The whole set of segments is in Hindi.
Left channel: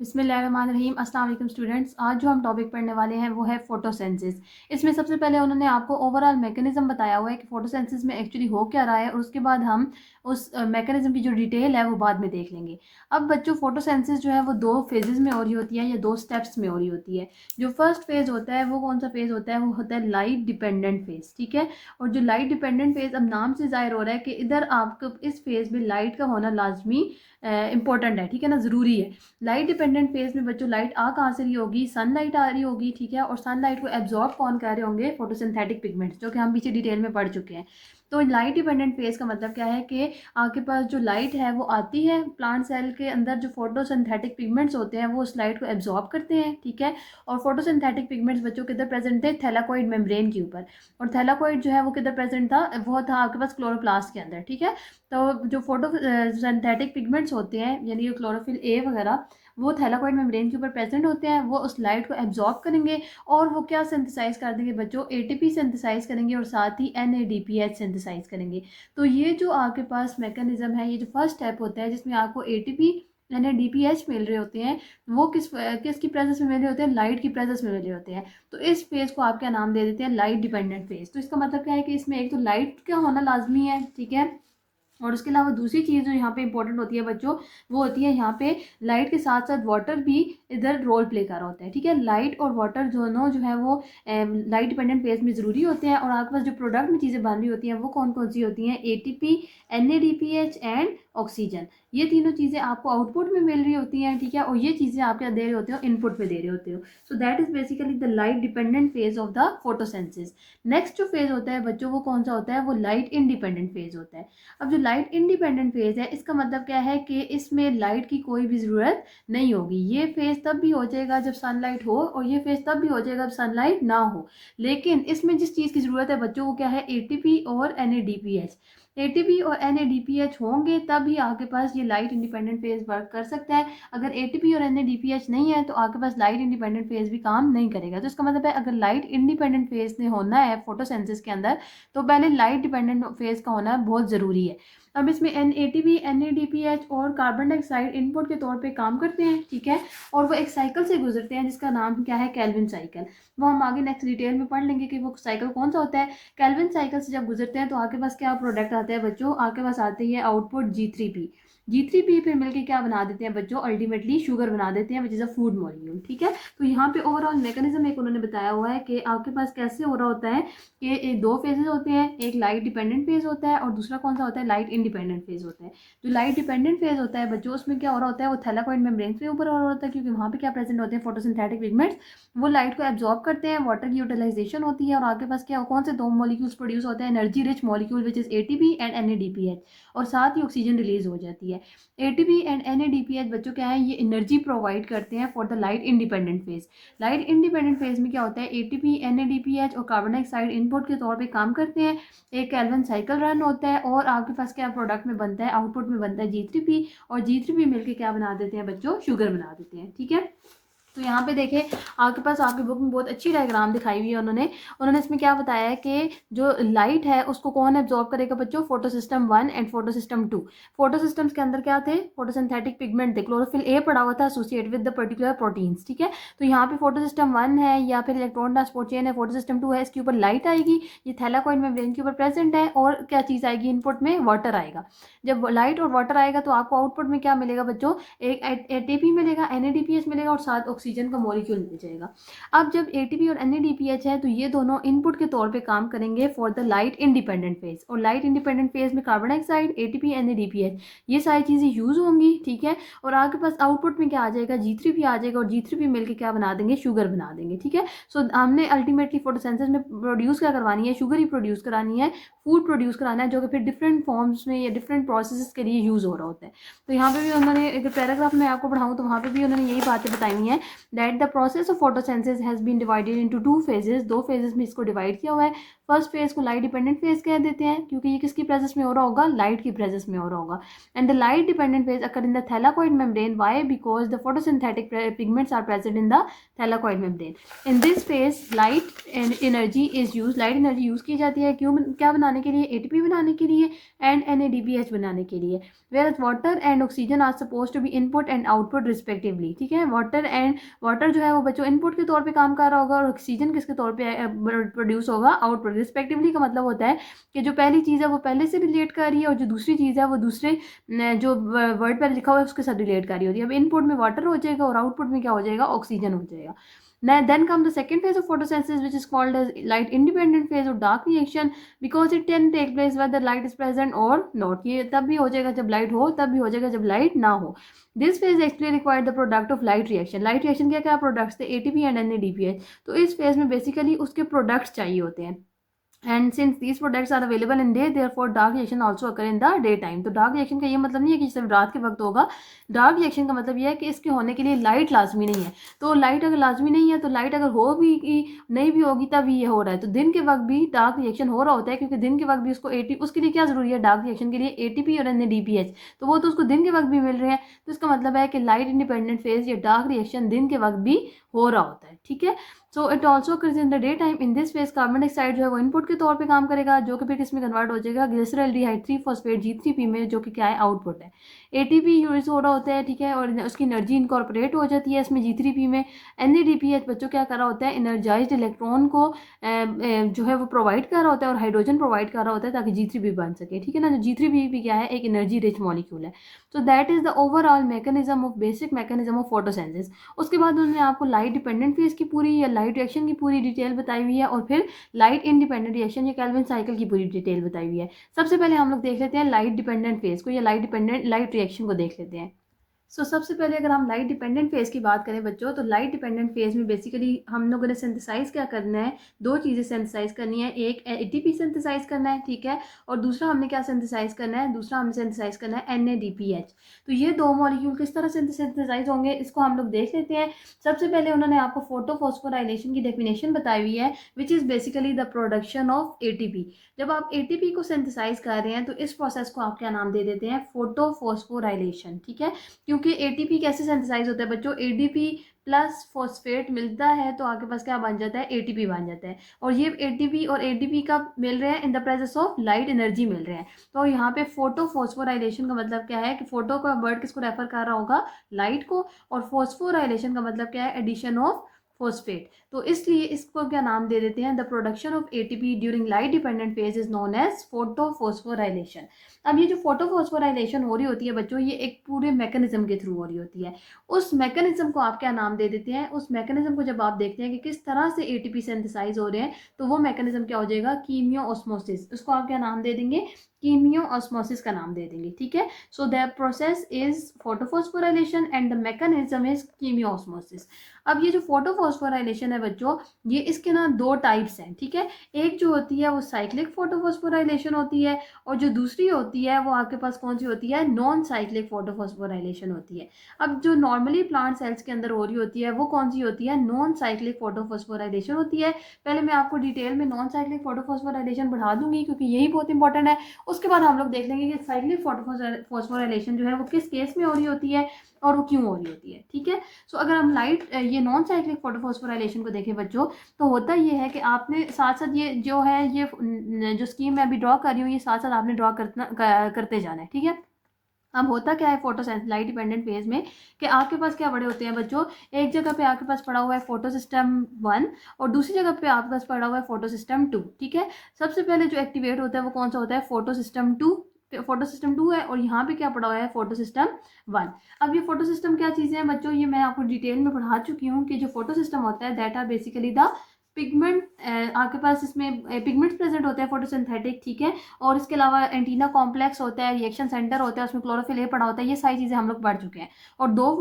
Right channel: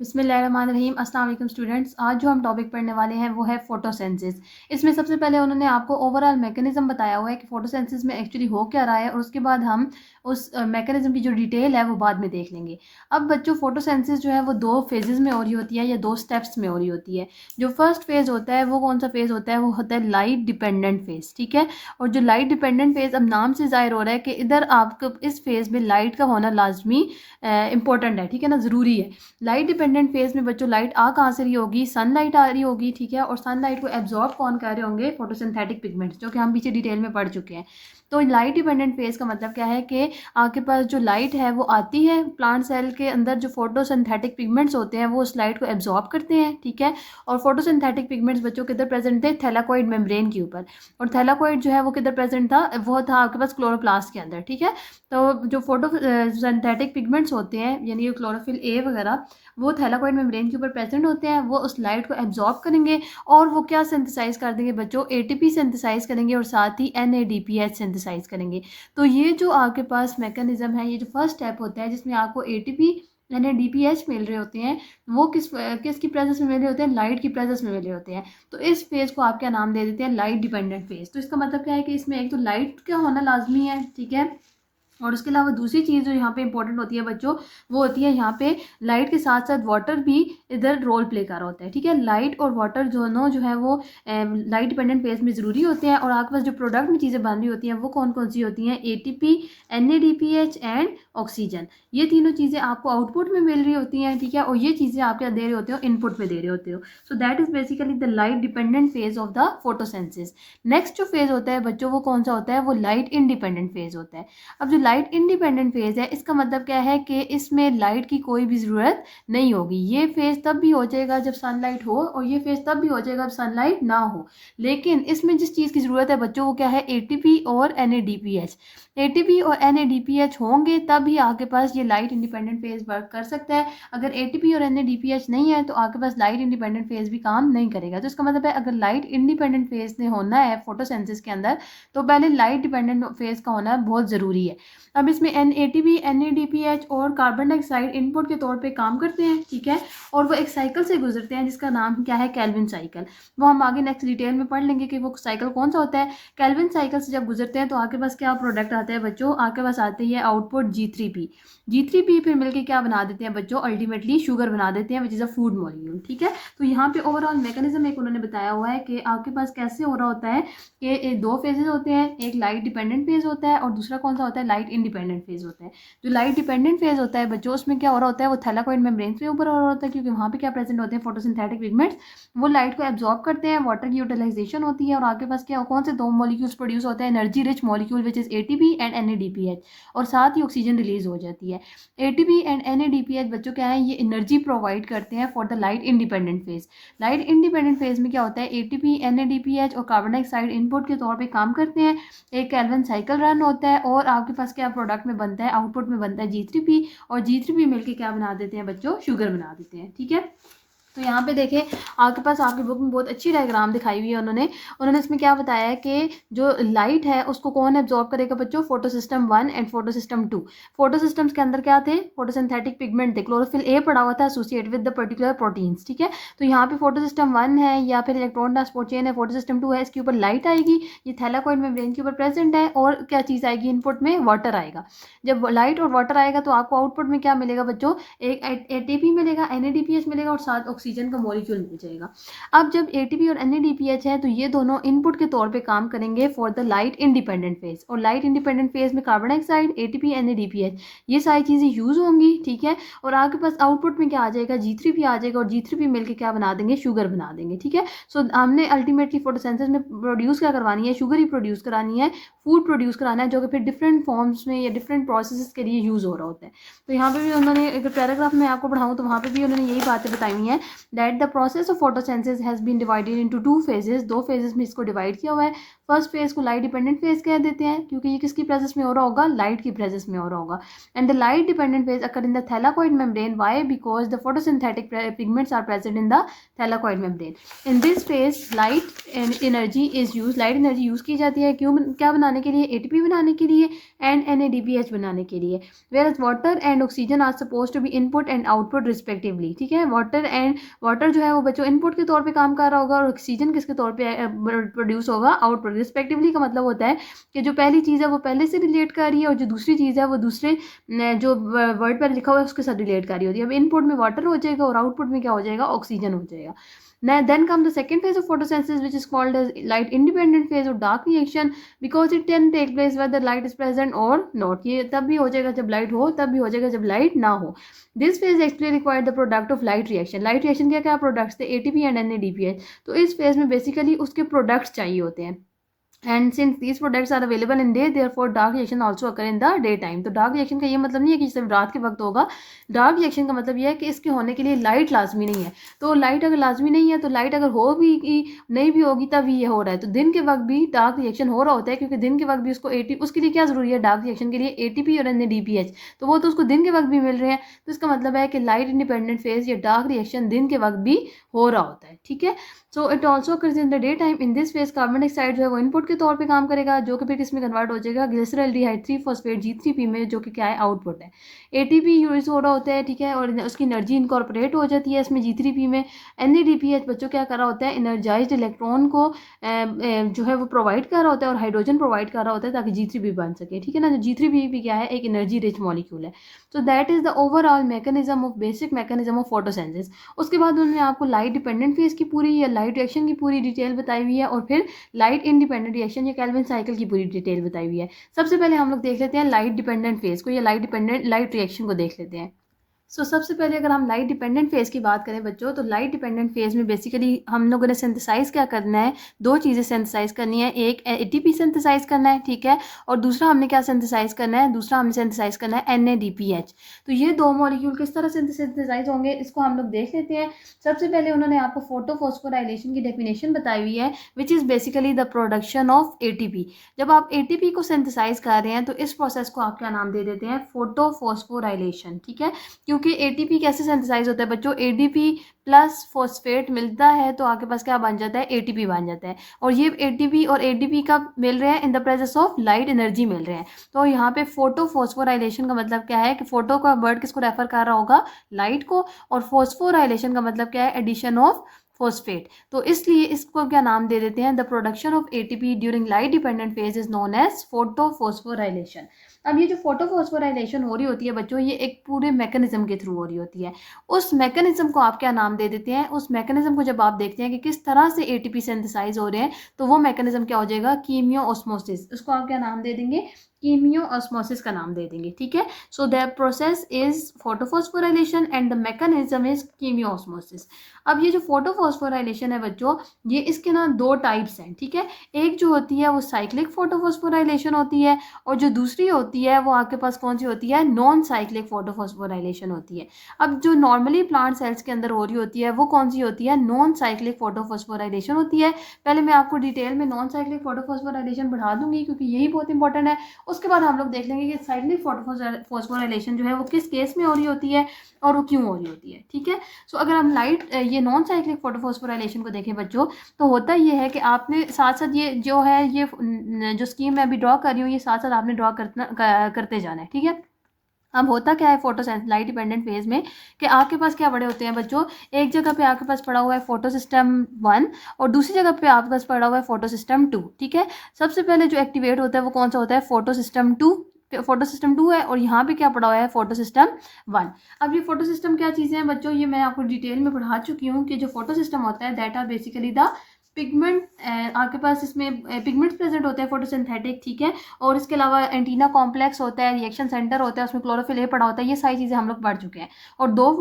बिस्मिल्लाहिर्रहमानिर्रहीम। अस्सलाम वालेकुम स्टूडेंट्स। आज जो हम टॉपिक पढ़ने वाले हैं वो है फोटोसेंसिस। इसमें सबसे पहले उन्होंने आपको ओवरऑल मैकेनिज्म बताया हुआ है कि फोटोसेंसिस में एक्चुअली हो क्या रहा है, और उसके बाद हम उस मैकेनिज्म की जो डिटेल है वो बाद में देख लेंगे। अब बच्चों, फोटोसेंसिस जो है वो दो फेजेस में हो रही होती है या दो स्टेप्स में हो रही होती है। जो फर्स्ट फेज होता है वो कौन सा फेज होता है? वो होता है लाइट डिपेंडेंट फेज, ठीक है। और जो लाइट डिपेंडेंट फेज, अब नाम से जाहिर हो रहा है कि इधर आपको इस फेज में लाइट का होना लाजमी इंपॉर्टेंट है, ठीक है ना, ज़रूरी है। लाइट डिपेंडेंट फेज में बच्चों लाइट आ कहाँ से रही होगी? सनलाइट आ रही होगी, ठीक है। और सनलाइट को एब्जॉर्ब कौन कर रहे होंगे? फोटोसिंथेटिक पिगमेंट्स, जो कि हम पीछे डिटेल में पढ़ चुके हैं। तो लाइट डिपेंडेंट फेज का मतलब क्या है कि आपके पास जो लाइट है वो आती है, प्लांट सेल के अंदर जो फोटोसिंथेटिक पिगमेंट्स होते हैं वो उस लाइट को एब्जॉर्ब करते हैं, ठीक है। और फोटोसिंथेटिक पिगमेंट्स बच्चों किधर प्रेजेंट थे? थैलाकोइड मेम्ब्रेन के ऊपर। और थैलाकोइड जो है वो किधर प्रेजेंट था? वो था आपके पास क्लोरोप्लास्ट के अंदर, ठीक है। तो जो फोटो सिंथेटिक पिगमेंट्स होते हैं यानी क्लोरोफिल ए वगैरह, वो थैलाकोइड मेम्ब्रेन के ऊपर प्रेजेंट होते हैं। वो उस लाइट को एब्जॉर्ब करेंगे और वो क्या सिंथेसाइज कर देंगे बच्चों? एटीपी सिंथेसाइज करेंगे और साथ ही एनएडीपीएच सिंथेसाइज करेंगे। तो ये जो आपके पास मैकेनिज्म है, ये जो फर्स्ट स्टेप होता है जिसमें आपको एटीपी एनएडीपीएच मिल रहे होते हैं, वो किसकी प्रेजेंस में मिल रहे होते हैं? लाइट की प्रेजेंस में मिल रहे होते हैं। तो इस फेज को आप क्या नाम दे देते हैं? Light dependent phase. तो इसका मतलब क्या है कि इसमें एक तो लाइट का होना लाजमी है, ठीक है। और उसके अलावा दूसरी चीज़ जो यहाँ पे इंपॉर्टेंट होती है बच्चों, वो होती है यहाँ पे लाइट के साथ साथ वाटर भी इधर रोल प्ले कर रहा होता है, ठीक है। लाइट और वाटर दोनों जो है वो लाइट डिपेंडेंट फेज में ज़रूरी होते हैं। और आपके पास जो प्रोडक्ट में चीज़ें बन रही होती हैं वो कौन कौन सी होती हैं? ATP, NADPH and oxygen. ये तीनों चीज़ें आपको आउटपुट में मिल रही होती हैं, ठीक है। और ये चीज़ें आप क्या दे रहे होते हो? इनपुट में दे रहे होते हो। So that is basically the light dependent phase of the photosynthesis. Next जो फेज होता है बच्चों वो कौन सा होता है? वो लाइट इंडिपेंडेंट फेज होता है। अब जो लाइट इंडिपेंडेंट फेज है, इसका मतलब क्या है कि इसमें लाइट की कोई भी ज़रूरत नहीं होगी। ये फेज तब भी हो जाएगा जब सनलाइट हो, और ये फेज तब भी हो जाएगा जब सनलाइट ना हो। लेकिन इसमें जिस चीज़ की ज़रूरत है बच्चों वो क्या है? एटीपी और एनएडीपीएच। एटीपी और एनएडीपीएच होंगे तभी आपके पास ये लाइट इंडिपेंडेंट फेज वर्क कर सकता है। अगर एटीपी और एनएडीपीएच नहीं है तो आपके पास लाइट इंडिपेंडेंट फेज भी काम नहीं करेगा। तो इसका मतलब है अगर लाइट इंडिपेंडेंट फेज ने होना है फोटोसेंसिस के अंदर, तो पहले लाइट डिपेंडेंट फेज का होना बहुत ज़रूरी है। अब इसमें एटीपी, एनएडीपीएच और कार्बन डाइऑक्साइड इनपुट के तौर पे काम करते हैं, ठीक है। और वो एक साइकिल से गुजरते हैं जिसका नाम क्या है? Calvin cycle. वो हम आगे नेक्स्ट डिटेल में पढ़ लेंगे कि वो साइकिल कौन सा होता है। केल्विन साइकिल से जब गुजरते हैं तो आपके पास क्या प्रोडक्ट आता है बच्चों? आपके पास आती है आउटपुट G3P। G3P फिर मिलकर क्या बना देते हैं बच्चों? अल्टीमेटली शुगर बना देते हैं, which is a food molecule, ठीक है। तो यहाँ पे ओवरऑल मैकेनिज्म एक उन्होंने बताया हुआ है कि आपके पास कैसे हो रहा होता है कि एक दो फेजेस होते हैं, एक लाइट डिपेंडेंट फेज होता है और दूसरा कौन सा होता है? लाइट इंडिपेंडेंट फेज होता है। जो लाइट डिपेंडेंट फेज होता है बच्चों, उसमें क्या हो रहा होता है? वो थैलाकोइड मेम्ब्रेन के ऊपर हो रहा होता है, क्योंकि वहाँ पे क्या प्रेजेंट होते हैं? Photosynthetic pigments. वो लाइट को एब्जॉर्ब करते हैं, वाटर की यूटिलाइजेशन होती है, और आपके पास क्या कौन से दो मॉलिक्यूल्स प्रोड्यूस होते हैं? Energy rich molecule which is ATP and NADPH. और साथ ही ऑक्सीजन रिलीज हो जाती है। एटीपी एंड एनएडीपीएच बच्चों क्या है? ये एनर्जी प्रोवाइड करते हैं for the light independent phase. Light independent phase में क्या होता है? एटीपी, एनएडीपीएच और कार्बन डाइऑक्साइड इनपुट के तौर पे काम करते हैं। एक केल्विन साइकिल रन होता है और आपके पास क्या प्रोडक्ट में बनता है? आउटपुट में बनता है G3P। और G3P मिलके क्या बना देते हैं बच्चों? शुगर बना देते हैं, ठीक है। तो यहाँ पे देखें, आपके पास आपकी बुक में बहुत अच्छी डायग्राम दिखाई हुई है उन्होंने इसमें क्या बताया है कि जो लाइट है उसको कौन एब्जॉर्ब करेगा बच्चों? Photo system 1 and photo system 2। Photo systems के अंदर क्या थे? फोटोसिंथेटिक पिगमेंट थे, क्लोरोफिल ए पड़ा हुआ था associated with the particular proteins, ठीक है। तो यहाँ पे फोटो सिस्टम 1 है या फिर इलेक्ट्रॉन ट्रांसपोर्ट चेन है, फोटो सिस्टम 2 है, इसके ऊपर लाइट आएगी, ये थैलाकोइड मेम्ब्रेन के ऊपर प्रेजेंट है। और क्या चीज़ आएगी इनपुट में? वाटर आएगा। जब लाइट और वाटर आएगा तो आपको आउटपुट में क्या मिलेगा बच्चों? एक एटीपी मिलेगा, एनएडीपीएच मिलेगा और साथ ऑक्सीजन का मॉलिक्यूल मिल जाएगा। अब जब एटीपी और एनएडीपीएच है तो ये दोनों इनपुट के तौर पे काम करेंगे for the light independent phase. और लाइट इंडिपेंडेंट फेज में कार्बन डाइऑक्साइड, एटीपी, एनएडीपीएच, ये सारी चीज़ें यूज होंगी, ठीक है। और आपके पास आउटपुट में क्या आ जाएगा? G3P आ जाएगा, और G3P मिलकर क्या बना देंगे? शुगर बना देंगे, ठीक है। सो हमने अल्टीमेटली फोटोसेंसिस में प्रोड्यूस क्या करवानी है? शुगर ही प्रोड्यूस करानी है, फूड प्रोड्यूस कराना है, जो कि फिर डिफरेंट फॉर्म्स में या डिफरेंट प्रोसेस के लिए यूज़ हो रहा होता है। तो यहाँ पे भी उन्होंने एक पैराग्राफ में आपको पढ़ाऊँ तो वहाँ पे भी उन्होंने यही बातें बताई हुई हैं, that the process of photosynthesis has been divided into two phases. दो फेजेस में इसको डिवाइड किया हुआ है। फर्स्ट फेज को लाइट डिपेंडेंट फेज कह देते हैं, क्योंकि ये किसकी प्रेजेंस में हो रहा होगा, लाइट की प्रेजेंस में हो रहा होगा. And the light dependent phase occur in the thylakoid membrane. Why? Because the photosynthetic pigments are present in the thylakoid membrane. In this phase light energy is use. Light energy use की जाती है क्यों, क्या बनाने के लिए, एटीपी बनाने के लिए एंड NADPH बनाने के लिए. Whereas water and oxygen are suppose to be input and output respectively. ठीक है, वाटर जो है वो बच्चों इनपुट के तौर पे काम कर रहा होगा और ऑक्सीजन किसके तौर पे प्रोड्यूस होगा, आउटपुट. रिस्पेक्टिवली का मतलब होता है कि जो पहली चीज़ है वो पहले से रिलेट कर रही है और जो दूसरी चीज़ है वो दूसरे जो वर्ड पर लिखा हुआ है उसके साथ रिलेट कर रही होती है. अब इनपुट में वाटर हो जाएगा और आउटपुट में क्या हो जाएगा, ऑक्सीजन हो जाएगा. Then come the second phase of photosynthesis, which is called as light independent phase or dark reaction, because it can take place whether light is present or not. ये तब भी हो जाएगा जब लाइट हो, तब भी हो जाएगा जब लाइट ना हो. This phase actually required the product of light reaction. Light reaction क्या क्या प्रोडक्ट्स थे, ATP and NADPH. तो इस फेज में बेसिकली उसके प्रोडक्ट्स चाहिए होते हैं. And since these products are available in day, therefore dark reaction also occur in the day time. तो डार्क रिएक्शन का ये मतलब नहीं है कि सिर्फ रात के वक्त होगा. डार्क रिएक्शन का मतलब ये है कि इसके होने के लिए लाइट लाजमी नहीं है. तो लाइट अगर लाजमी नहीं है तो लाइट अगर हो भी नहीं भी होगी तब ये हो रहा है. तो दिन के वक्त भी डार्क रिएक्शन हो रहा होता है, क्योंकि दिन के वक्त भी उसको उसके लिए क्या जरूरी है, डार्क रिएक्शन के लिए ATP और NADPH. तो वो तो उसको दिन के वक्त भी मिल रहे हैं. तो इसका मतलब है कि लाइट इंडिपेंडेंट फेज या डार्क रिएक्शन दिन के वक्त भी हो रहा होता है. ठीक है, so it also occurs in the day time. In this phase carbon dioxide जो है वो इनपुट के तौर पे काम करेगा, जो कि फिर किस में कन्वर्ट हो जाएगा, ग्लिसरॉल्डिहाइड 3-फॉस्फेट G3P में, जो कि क्या है, आउटपुट है. ATP यूज हो रहा होता है. ठीक है, और उसकी एनर्जी इनकॉर्पोरेट हो जाती है इसमें G3P में. NADPH बच्चों क्या कर रहा होता है, एनर्जाइज्ड इलेक्ट्रॉन को जो है वो प्रोवाइड कर रहा होता है और हाइड्रोजन प्रोवाइड कर रहा होता है ताकि G3P बन सके. ठीक है ना, जो G3P भी क्या है, एक एनर्जी रिच मॉलिक्यूल है. सो that is the overall mechanism of basic mechanism of photosynthesis. उसके बाद उन्होंने आपको लाइट डिपेंडेंट फेज की पूरी या लाइट रिएक्शन की पूरी डिटेल बताई हुई है और फिर लाइट इंडिपेंडेंट रिएक्शन या केल्विन साइकिल की पूरी डिटेल बताई हुई है. सबसे पहले हम लोग देख लेते हैं लाइट डिपेंडेंट फेज को या लाइट रिएक्शन को देख लेते हैं. सबसे पहले अगर हम लाइट डिपेंडेंट फेज की बात करें बच्चों, तो लाइट डिपेंडेंट फेज में बेसिकली हम लोगों ने सिंथेसाइज क्या करना है, दो चीज़ें सिंथेसाइज करनी है. एक ATP सिंथेसाइज करना है, ठीक है, और दूसरा हमने क्या सिंथेसाइज करना है, दूसरा हमने सिंथेसाइज करना है NADPH. तो ये दो मॉलिक्यूल किस तरह से सिंथेसाइज होंगे इसको हम लोग देख लेते हैं. सबसे पहले उन्होंने आपको फोटोफॉस्फोराइलेशन की डेफिनेशन बताई हुई है, which is basically the production of ATP. जब आप ATP को सिंथेसाइज कर रहे हैं तो इस प्रोसेस को आप क्या नाम दे देते हैं, फोटोफॉस्फोराइलेशन. ठीक है, क्योंकि ATP कैसे सिंथेसाइज होता है बच्चों, ADP प्लस फॉस्फेट मिलता है तो आपके पास क्या बन जाता है, ATP बन जाता है. और ये ATP और ADP का मिल रहे हैं in the presence of light energy मिल रहे हैं. तो यहाँ पे फोटोफॉस्फोराइलेशन का मतलब क्या है कि फोटो का वर्ड किसको रेफर कर रहा होगा, लाइट को, और फॉस्फोराइलेशन का मतलब क्या है, एडिशन ऑफ फॉस्फेट. तो इसलिए इसको क्या नाम दे देते हैं, the production of ATP during light dependent phase is known as photophosphorylation. अब ये जो फोटोफॉस्फोराइलेशन हो रही होती है बच्चों, ये एक पूरे मैकेनिज्म के थ्रू हो रही होती है. उस मैकेनिज्म को आप क्या नाम दे देते हैं, उस मैकेनिज्म को जब आप देखते हैं कि किस तरह से ATP सिंथेसाइज हो रहे हैं, तो वो मैकेनिज्म क्या हो जाएगा, कीमियो ऑस्मोसिस. उसको आप क्या नाम दे देंगे, कीमियो ऑस्मोसिस का नाम दे देंगे. ठीक है, so the process is photophosphorylation and the mechanism is chemiosmosis. अब ये जो फोटोफॉस्फोराइलेशन है बच्चों, ये इसके ना दो टाइप्स हैं. ठीक है, एक जो होती है वो साइक्लिक फोटोफॉस्फोराइलेशन होती है और जो दूसरी होती है वो आपके पास कौन सी होती है, नॉन साइक्लिक फोटोफॉस्फोराइलेशन होती है. अब जो नॉर्मली प्लांट सेल्स के अंदर हो रही होती है वो कौन सी होती है, नॉन साइक्लिक फोटोफॉस्फोराइलेशन होती है. पहले मैं आपको डिटेल में नॉन साइक्लिक फोटोफॉस्फोराइलेशन बढ़ा दूंगी क्योंकि यही बहुत इंपॉर्टेंट है. उसके बाद हम लोग देख लेंगे कि साइक्लिक फोटोफॉस्फोराइलेशन जो है वो किस केस में हो रही होती है और वो क्यों हो रही होती है. ठीक है, सो अगर हम ये नॉन साइक्लिक फोटोफॉस्फोराइलेशन को देखें बच्चों, तो होता ये है कि आपने साथ साथ ये जो है ये जो स्कीम मैं अभी ड्रॉ कर रही हूँ ये साथ साथ आपने ड्रॉ करते जाना है. ठीक है, अब होता क्या है फोटोसेंस लाइट डिपेंडेंट फेज में कि आपके पास क्या पड़े होते हैं बच्चों, एक जगह पे आपके पास पड़ा हुआ है फोटो सिस्टम 1 और दूसरी जगह पे आपके पास पड़ा हुआ है फोटो सिस्टम 2. ठीक है, सबसे पहले जो एक्टिवेट होता है वो कौन सा होता है, फोटो सिस्टम 2. फोटो सिस्टम 2 है और यहाँ पे क्या पड़ा हुआ है, फोटो सिस्टम 1. अब ये फोटो सिस्टम क्या चीज़ें हैं बच्चों, ये मैं आपको डिटेल में पढ़ा चुकी हूँ कि जो फोटो सिस्टम होता है that are basically the pigment. आपके पास इसमें पिगमेंट्स प्रेजेंट होते हैं फोटोसिंथेटिक. ठीक है, और इसके अलावा एंटीना कॉम्प्लेक्स होता है, रिएक्शन सेंटर होता है, उसमें क्लोरोफिल ए पड़ा होता है. ये सारी चीज़ें हम लोग पढ़ चुके हैं. और दो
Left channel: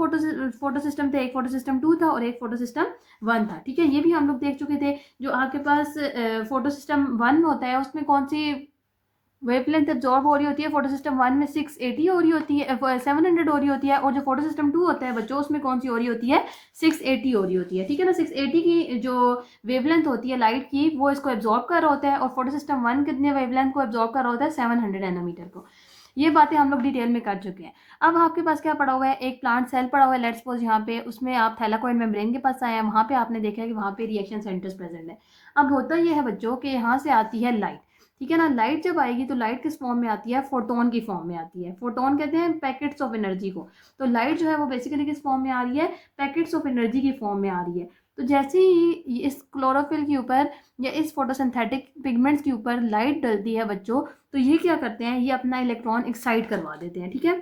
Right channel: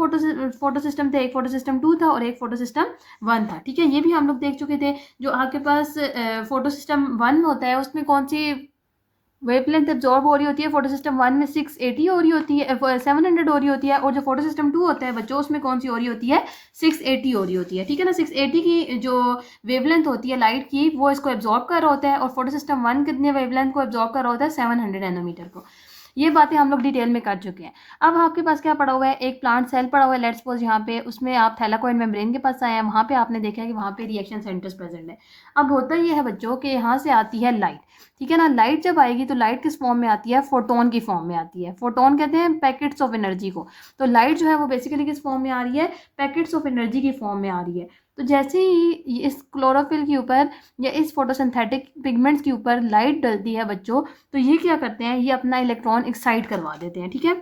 फोटो सिस्टम थे, एक फोटो सिस्टम 2 था और एक फोटो सिस्टम 1 था. ठीक है, ये भी हम लोग देख चुके थे. जो आपके पास फोटो सिस्टम 1 होता है उसमें कौन सी वेवलेंथ एब्जॉर्ब हो रही होती है फोटो सिस्टम 1 में 680 हो रही होती है, 700 हो रही होती है, और जो फोटो सिस्टम 2 होता है बच्चों उसमें कौन सी हो रही होती है, 680 हो रही होती है। ठीक है ना, 680 की जो वेवलेंथ होती है लाइट की वो इसको एब्जॉर्ब कर रहा होता है, और फोटो सिस्टम 1 कितने वेवलेंथ को एब्जॉर्ब कर रहा होता है, 700 नैनोमीटर को। ये बातें हम लोग डिटेल में कर चुके हैं। अब आपके पास क्या पड़ा हुआ है, एक प्लांट सेल पड़ा हुआ है, लेट्स सपोज यहाँ पे, उसमें आप थैलाकोइड मेम्ब्रेन के पास आए हैं, वहाँ पे आपने देखा है कि वहाँ पे रिएक्शन सेंटर्स प्रेजेंट है। अब होता ये है बच्चों कि यहाँ से आती है लाइट। ठीक है ना, लाइट जब आएगी तो लाइट किस फॉर्म में आती है, फोटोन की फॉर्म में आती है। फोटोन कहते हैं पैकेट्स ऑफ एनर्जी को। तो लाइट जो है वो बेसिकली किस फॉर्म में आ रही है, पैकेट्स ऑफ एनर्जी की फॉर्म में आ रही है। तो जैसे ही इस क्लोरोफिल के ऊपर या इस फोटोसिंथेटिक पिगमेंट्स के ऊपर लाइट डलती है बच्चों, तो ये क्या करते हैं, ये अपना इलेक्ट्रॉन एक्साइट करवा देते हैं। ठीक है,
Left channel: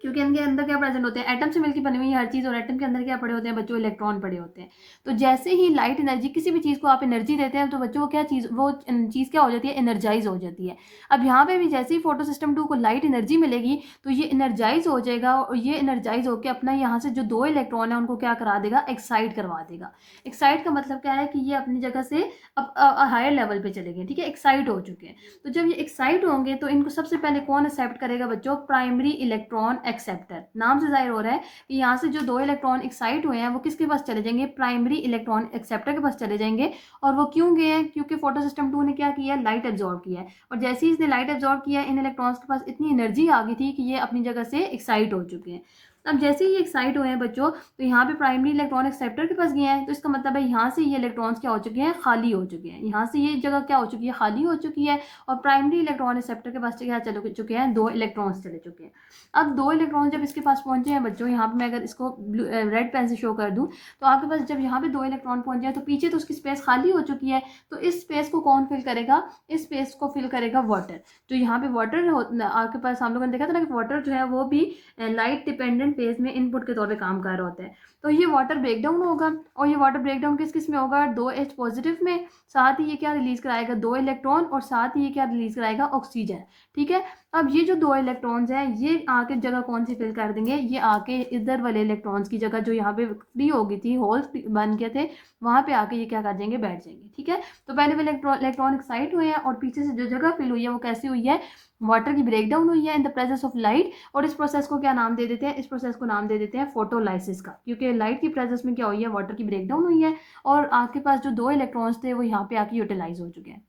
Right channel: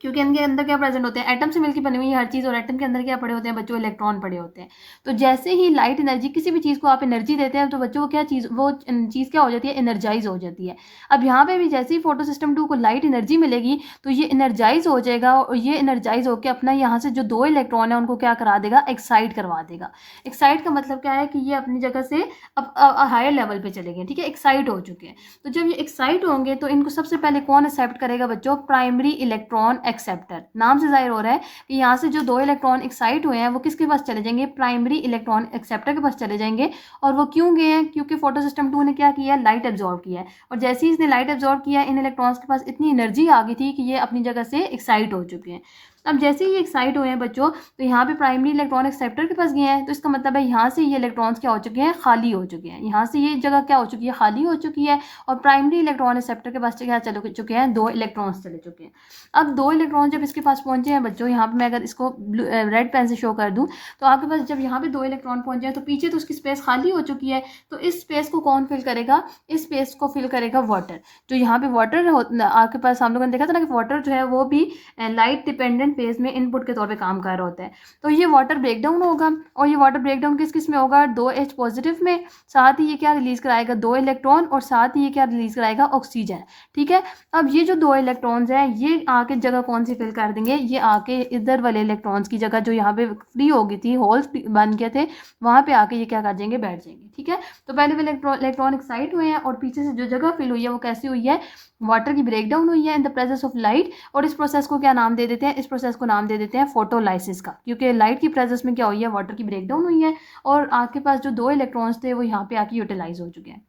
क्योंकि इनके अंदर क्या प्रेजेंट होते हैं, एटम से मिलकर बनी हुई हर चीज़, और एटम के अंदर क्या पड़े होते हैं बच्चों, इलेक्ट्रॉन पड़े होते हैं। तो जैसे ही लाइट एनर्जी, किसी भी चीज़ को आप एनर्जी देते हैं तो बच्चों को क्या चीज़, वो चीज़ क्या हो जाती है, एनर्जाइज हो जाती है। अब यहाँ पे भी जैसे ही फोटो सिस्टम 2 को लाइट एनर्जी मिलेगी तो ये एनर्जाइज हो जाएगा, और ये एनर्जाइज होकर अपना यहाँ से जो 2 इलेक्ट्रॉन है उनको क्या करा देगा, एक्साइट करवा देगा। एक्साइट का मतलब क्या है कि ये अपनी जगह से अब हायर लेवल पे चले गए। ठीक है, एक्साइट हो चुके हैं। तो जब ये एक्साइट होंगे तो इनको सबसे पहले कौन एक्सेप्ट करेगा बच्चों, प्राइमरी इलेक्ट्रॉन एक्सेप्टर। नाम से जाहिर हो रहा है कि यहाँ से जो 2 इलेक्ट्रॉन एक्साइट हुए हैं वो किसके पास चले जाएंगे, प्राइमरी इलेक्ट्रॉन एक्सेप्टर के पास चले जाएंगे। और वो क्यों गए हैं, क्योंकि फोटो सिस्टम 2 ने क्या किया है, लाइट एब्जॉर्ब किया है। और जैसे ही इसने लाइट एब्जॉर्ब किया, इन इलेक्ट्रॉन्स के पास इतनी एनर्जी आ गई थी कि ये अपनी जगह से एक्साइट हो चुके हैं। अब जैसे ही एक्साइट हुए हैं बच्चों, तो यहाँ पे प्राइमरी इलेक्ट्रॉन एक्सेप्टर के पास गए हैं, तो इसका मतलब है यहाँ से ये इलेक्ट्रॉन्स क्या हो चुके हैं, खाली हो चुके हैं। यहाँ से ये जगह क्या हो चुकी है, खाली हो चुकी है। और प्राइमरी इलेक्ट्रॉन एक्सेप्टर के पास क्या चले चुके हैं, 2 इलेक्ट्रॉन्स चले चुके हैं। अब 2 इलेक्ट्रॉन जब इसके पास पहुंचे हैं बच्चों, यहाँ पे मैं अगर इसको रेड पेन से शो कर दूँ, तो आपके पास जब यहाँ पे 2 इलेक्ट्रॉन पहुंचे हैं तो पीछे तो उसकी स्पेस खाली हो चुकी है। तो इस स्पेस को कौन फिल करेगा, इस स्पेस को फिल करेगा वाटर। तो यहाँ पे वाटर आपके पास, हम लोगों ने देखा था ना कि वाटर जो है वो भी लाइट डिपेंडेंट फेज में इनपुट के तौर पे काम कर रहा होता है। तो ये वाटर ब्रेकडाउन होगा, और ये वाटर ब्रेकडाउन किस किस में होगा, 2H पॉजिटिव में। साथ ही ये क्या रिलीज कराएगा, 2 इलेक्ट्रॉन, और साथ ही ये क्या रिलीज कराएगा, ऑक्सीजन। ठीक है, अब ये जो 2 इलेक्ट्रॉन्स हैं ये आके जगह कौन सी फिल कर देंगे, ये आके इधर वाले इलेक्ट्रॉन्स की जगह जो यहाँ पे फ्री हो गई थी, होल्स बन गए थे, वहां पे आके ये क्या कर जाएंगे, बैठ जाएंगे। ठीक है, तो पहले वो इलेक्ट्रॉन एक्साइट हुए हैं, और पीछे से जो जगह फिल हुई है वो कैसी हुई है, वाटर की ब्रेकडाउन हुई है इन द प्रेजेंस ऑफ लाइट। और इस प्रोसेस को क्या नाम दे देते हैं, इस प्रोसेस को नाम दे देते हैं फोटोलाइसिस का, क्योंकि लाइट की प्रेजेंस में क्या हुई है, वाटर की ब्रेकडाउन हुई है, और आपके पास जो 2 इलेक्ट्रॉन्स थे वो यहाँ पे आके यूटिलाइज हो चुके हैं।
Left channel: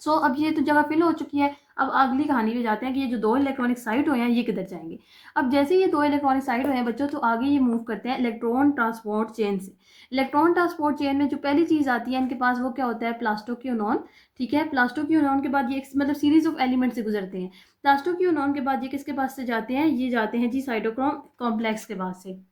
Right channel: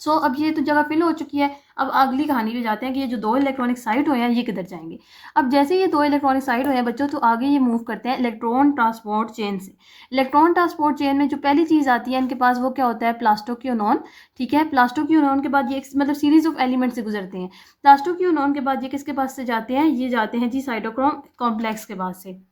अब ये तो जगह फिल हो चुकी है। अब अगली कहानी पे जाते हैं कि ये जो 2 इलेक्ट्रॉनिक साइट हुए हैं ये किधर जाएंगे। अब जैसे ये 2 इलेक्ट्रॉनिक साइट हुए हैं बच्चों, तो आगे ये मूव करते हैं इलेक्ट्रॉन ट्रांसपोर्ट चेन से। इलेक्ट्रॉन ट्रांसपोर्ट चेन में जो पहली चीज़ आती है इनके पास, वो क्या होता है, प्लास्टोक्योनॉन। ठीक है, प्लास्टोक्योनॉन के बाद ये मतलब सीरीज ऑफ एलिमेंट से गुजरते हैं। प्लास्टोक्योनॉन के बाद ये किसके पास से जाते हैं, ये जाते हैं जी साइटोक्रोम कॉम्प्लेक्स के पास से।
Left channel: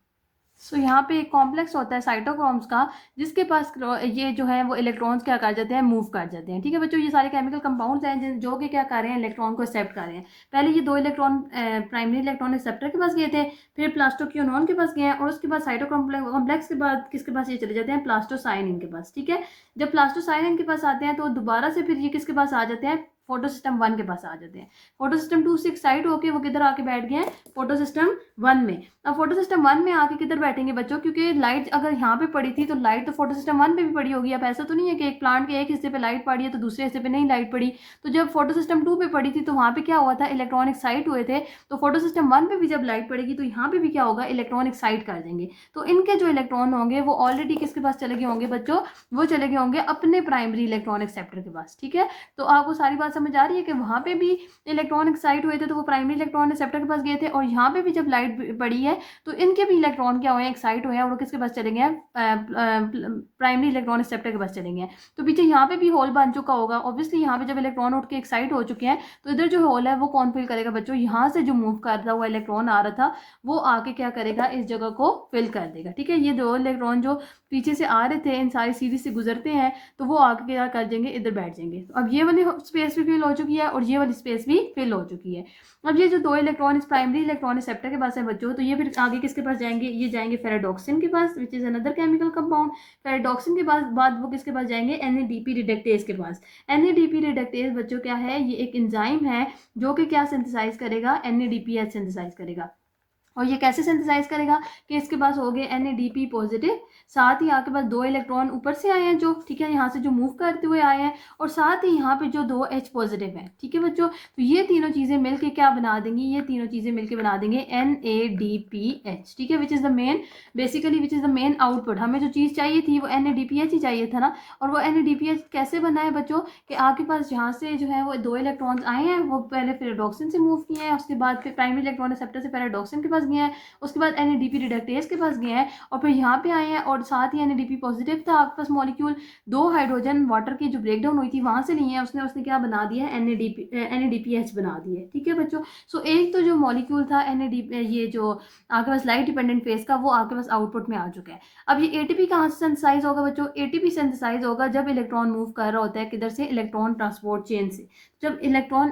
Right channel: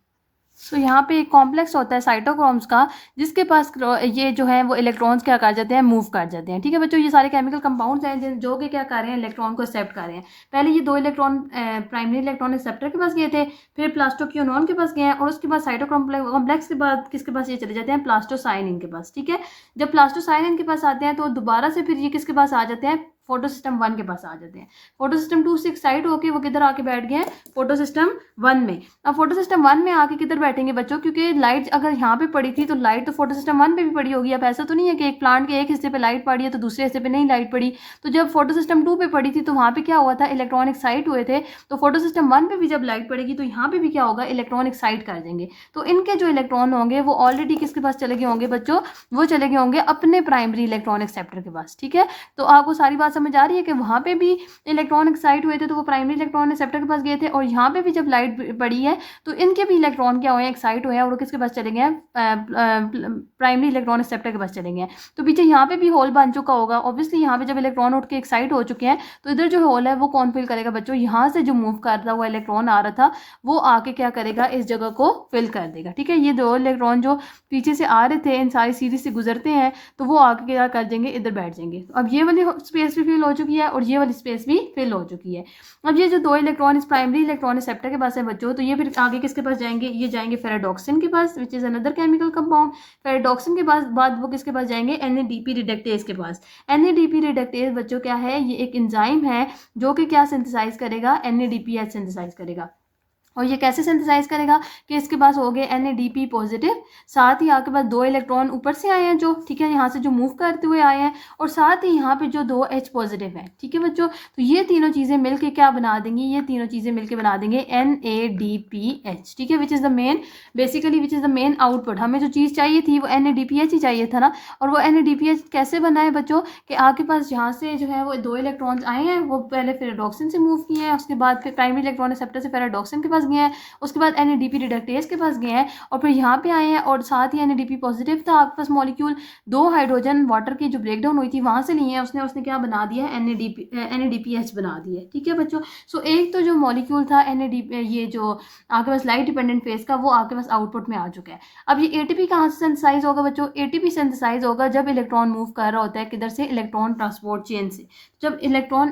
यहाँ पे एक कॉम्प्लेक्स होता है साइटोक्रोम्स का, जिसके पास ये जो है वो इलेक्ट्रॉन्स क्या कर जाते हैं, मूव कर जाते हैं। ठीक है बच्चों, ये सारे केमिकल कंपाउंड्स हैं जो कि क्या कर रहे हैं, इलेक्ट्रॉन को एक्सेप्ट कर रहे हैं। पहले ये 2 इलेक्ट्रॉन प्राइमरी इलेक्ट्रॉन एक्सेप्टर के पास गए थे, फिर प्लास्टोक्योनॉन के पास गए हैं, और उसके बाद साइटोक्रोम कॉम्प्लेक्स के बाद किसके पास ये चले जाते हैं, प्लास्टोसाइनिन के पास। ठीक है, जब प्लास्टोसाइनिन के पास आते हैं तो दोबारा से फिर ये किसके पास आ जाते हैं, फोटो सिस्टम 1 के पास आ जाते हैं। फोटो सिस्टम 2 से एक्साइट होके वो किधर आके बैठ गए हैं, फोटो सिस्टम 1 में। अब फोटो सिस्टम 1 में आके किधर बैठेंगे बच्चों, क्योंकि लाइट अगर यहाँ पे पड़ी थी तो लाइट तो फोटो सिस्टम 1 पे भी पड़ी होगी। अब ऐसा तो नहीं है कि एक प्लांट के एक हिस्से पे लाइट पड़ी है तो दूसरे हिस्से पे नहीं लाइट पड़ी। तो जब फोटो सिस्टम 2 पे पड़ी थी तो वहाँ पे क्या हुआ था, इलेक्ट्रॉन एक्साइट हुए थे। तो फोटो सिस्टम 1 पे भी जब लाइट पड़ेगी तो यहाँ पे भी क्या होगा, इलेक्ट्रॉन एक्साइट कर देंगे। तो इनके जो इलेक्ट्रॉन होंगे वो ऑलरेडी किसके पास चले गए होंगे बच्चों, वो चले गए होंगे अपने प्राइमरी इलेक्ट्रॉन एक्सेप्टर के पास। ठीक है, तो आपको सारी बात समझ आ रही है कि वहाँ पे भी इलेक्ट्रॉन एक्साइट हुए थे तो वो प्राइमरी इलेक्ट्रॉन एक्सेप्टर के पास गए थे, और यहाँ पे भी जब लाइट पड़ी है तो इनके भी इलेक्ट्रॉन क्या हुए, एक्साइट हुए हैं, और वो किसके पास चले गए हैं, प्राइमरी इलेक्ट्रॉन एक्सेप्टर के पास चले गए हैं। तो पीछे यहाँ पे भी होल बन चुका होगा। ऑब्वियसली यहाँ पे जब इलेक्ट्रॉन उठ के एक्साइट हो चुके हैं तो इधर जो होल है वो कौन फिल करेगा बच्चों, यहाँ से जो मूव करता हुआ इलेक्ट्रॉन आ रहा था वो आके क्या करेगा, इस जगह को फिल कर देगा। ठीक है, ये 2 इलेक्ट्रॉन जो पीछे से आ रहे थे इन सारी सीरीज से गुजरते हैं तो वो आगे क्या कर देंगे, इधर बैठ जाएंगे। अब ये वाली स्पेस भी फिल हो चुकी है और ये वाली स्पेस भी फिल हो चुकी है। अब ये जो 2 इलेक्ट्रॉन इस प्राइमरी इलेक्ट्रॉन रिसेप्टर के पास है बच्चों, तो ये फिर आगे किसके पास जाएंगे, ये जाएंगे फेराडॉक्सिन के पास, which is another chemical compound. Ferredoxin के पास बाद वो किसके पास जाएंगे, NADP रिडक्टेज के पास। NADP रिडक्टेज बच्चों क्या है, ये एक एंजाइम है जो कि क्या सिंथेसाइज करेगा, NADPH सिंथेसाइज करेगा। और ये कैसे सिंथेसाइज करेगा कि इसके पास हो गए NADP पॉजिटिव, साथ ही आपके पास 2 इलेक्ट्रॉन ऊपर से आए हैं जो, ठीक है, यहाँ से जो मूव करते हुए आए हैं, और साथ ही यहाँ पे जो 2 H पॉजिटिव हैं, ठीक है बच्चों। तो ये तीनों चीज़ें मिलके क्या बना देंगी, ये तीनों चीज़ें मिलके बना देंगे NADPH, ठीक है, which is the main, basically which is the main output. हमें जो चीज़ चाहिए थी वो NADPH ही चाहिए था ना। और वो NADPH कैसे बना है बच्चों, कि आपके पास यहाँ से जो है वो 2 इलेक्ट्रॉन्स आए हैं, वो पहले फेराडॉक्सिन से मूव किए हैं, उसके बाद फिर प्राइमरी इलेक्ट्रॉन रिसेप्टर से फेराडॉक्सिन के पास गए हैं, उसके बाद NADP रिडक्टेज के पास गए हैं, और फिर यहाँ पे आए हैं, और साथ ही NADP पॉजिटिव था आपके पास मॉलिक्यूल, 2 हाइड्रोजन वाटर की जो ब्रेकडाउन हुई थी वहाँ से लिए हैं उसने, उसने क्या बना दिया है, NADPH बना दिया है, ठीक है बच्चों। सो एक तो जो मॉलिक्यूल था NADP, ये जो आपके पास लाइट डिपेंडेंट फेज का, वो आपके पास आउटपुट में आ चुका है। अब ये ATP कहाँ से सिंथेसाइज होगा बच्चों, ATP सिंथेसाइज होगा जब इलेक्ट्रॉन मूव कर रहा होता है, किधर से, इलेक्ट्रॉन ट्रांसपोर्ट चेन से। जब इलेक्ट्रॉन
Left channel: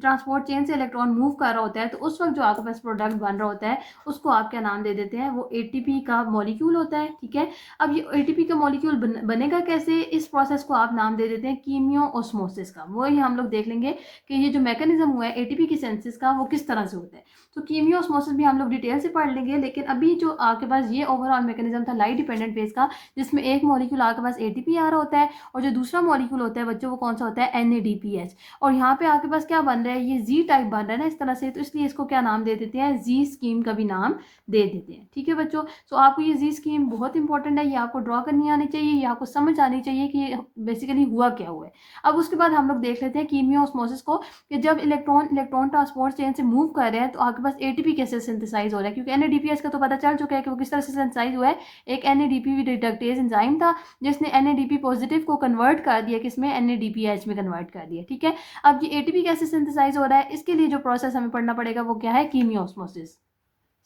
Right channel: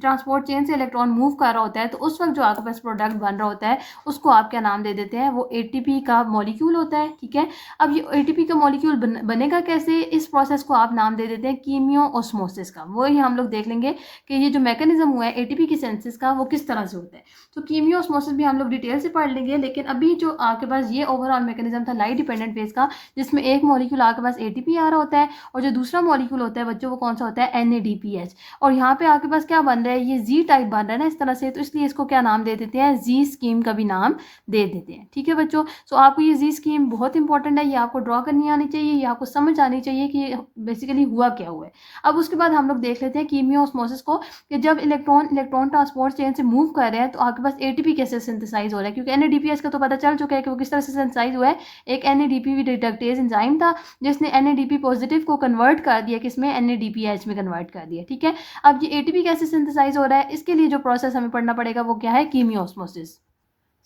ट्रांसपोर्ट चेन से इलेक्ट्रॉन मूव कर रहा होता है, तो उस वक्त जो आपके पास प्रोडक्ट बन रहा होता है उसको आप क्या नाम दे देते हैं, वो ATP का मॉलिक्यूल होता है, ठीक है। अब ये ATP का मॉलिक्यूल बनेगा कैसे, इस प्रोसेस को आप नाम दे देते हैं कीमियो ऑस्मोसिस का। वही हम लोग देख लेंगे कि ये जो मैकेनिज्म हुआ है ATP की सिंथेसिस का वो किस तरह से होता है। तो कीमियो ऑस्मोसिस भी हम लोग डिटेल से पढ़ लेंगे, लेकिन अभी जो आपके पास ये ओवरऑल मैकेनिज्म था लाइट डिपेंडेंट फेज का, जिसमें एक मॉलिक्यूल आपके पास ATP आ रहा होता है, और जो दूसरा मॉलिक्यूल होता है बच्चों वो कौन सा होता है, NADPH। और यहाँ पे आपके पास क्या बन रहा है, ये Z टाइप बन रहा है ना इस तरह से, तो इसलिए इसको क्या नाम दे देते हैं, Z स्कीम का भी नाम दे देते हैं, ठीक है बच्चों। सो आपको ये Z स्कीम बहुत इंपॉर्टेंट है, ये आपको ड्रॉ करनी आनी चाहिए, ये आपको समझ आनी चाहिए कि बेसिकली हुआ क्या हुआ है। अब उसके बाद हम लोग देख लेते हैं कीमियो ऑस्मोसिस को, कि जब इलेक्ट्रॉन ट्रांसपोर्ट चेन से मूव कर रहे हैं तो आपके पास ATP कैसे सिंथेसाइज हो रहा है, क्योंकि NADPH का तो पता चल चुका है कि वो किस तरह से सिंथेसाइज हुआ है। एक NADP रिडक्टेज एंजाइम था जिसने NADP पॉजिटिव को कन्वर्ट कर दिया, किसमें, NADPH में कन्वर्ट कर दिया, ठीक है। अब ये ATP कैसे सिंथेसाइज हो रहा है, इसके लिए जो प्रोसेस हमें पढ़ना पड़ेगा वो क्या है, कीमियो ऑस्मोसिस।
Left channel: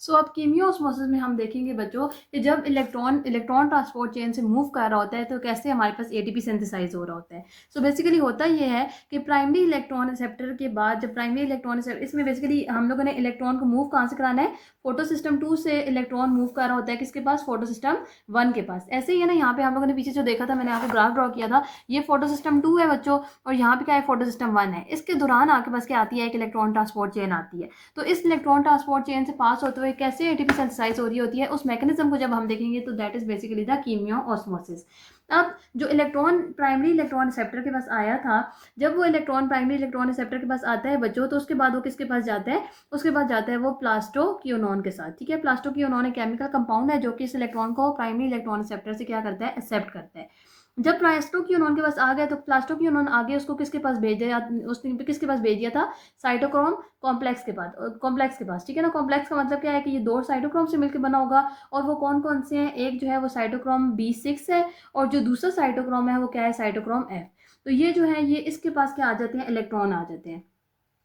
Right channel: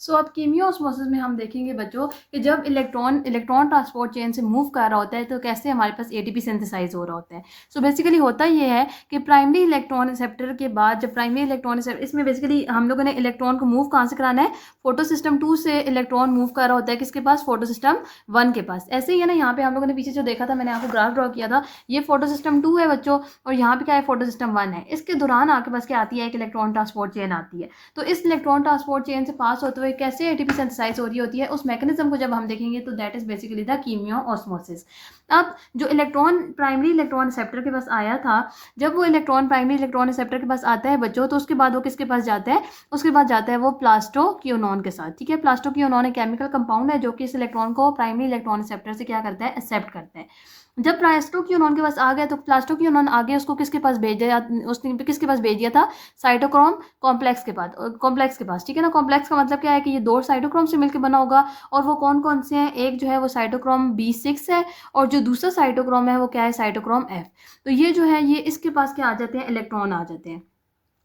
सो अब कीमियो ऑस्मोसिस में हम देखेंगे बच्चों कि जब इलेक्ट्रॉन ट्रांसपोर्ट चेन से मूव कर रहा होता है तो कैसे हमारे पास ATP सिंथेसाइज हो रहा होता है। सो बेसिकली होता ये है कि प्राइमरी इलेक्ट्रॉन रिसेप्टर के बाद, जब प्राइमरी इलेक्ट्रॉन रिसेप्टर, इसमें बेसिकली हम लोगों ने इलेक्ट्रॉन को मूव कहाँ से कराना है, फोटो सिस्टम 2 से इलेक्ट्रॉन मूव कर रहा होता है किसके पास, फोटो सिस्टम 1 के पास। ऐसे ही है ना, यहाँ पे हम लोगों ने पीछे जो देखा था, मैंने आपको ग्राफ ड्रॉ किया था, ये फोटो सिस्टम 2 है बच्चों, और यहाँ पे क्या है, फोटो सिस्टम 1 है। इसके दौरान आपके पास क्या आती है, एक इलेक्ट्रॉन ट्रांसपोर्ट चेन आती है। तो इस इलेक्ट्रॉन ट्रांसपोर्ट चेन से पास होते हुए कैसे ATP सिंथेसाइज हो रही होती है, उस मैकेनिज्म को जब हम देखेंगे तो that is basically the chemiosmosis. अब जो प्राइमरी इलेक्ट्रॉन रिसेप्टर के पास आया था, जब वो प्राइमरी इलेक्ट्रॉन रिसेप्टर के पास आता है बच्चों, तो उसके बाद वो किसके पास जाता है, उसके बाद जाता है वो प्लास्टोक्विनोन के साथ, ठीक है। प्लास्टोक्विनोन एक केमिकल कंपाउंड है जो कि इस इलेक्ट्रॉन को प्राइमरी इलेक्ट्रॉन रिसेप्टर से क्या करता है, एक्सेप्ट करता है। जब प्लास्टोक्विनोन के पास आ गया तो प्लास्टोक्विनोन आगे उसको किसके पास भेज दिया, उसने किसके पास भेज दिया था, साइटोक्रोम कॉम्प्लेक्स के पास, ठीक है ना। कॉम्प्लेक्स का मतलब क्या है कि ये 2 साइटोक्रोम से मिलकर बना होगा, और वो कौन कौन से हैं, एक जो है वो साइटोक्रोम B6 है, और जो दूसरा साइटोक्रोम है वो क्या है, साइटोक्रोम F। तो ये जो है ये इसके पास क्या आ जाते हैं, इलेक्ट्रॉन आ जाते हैं।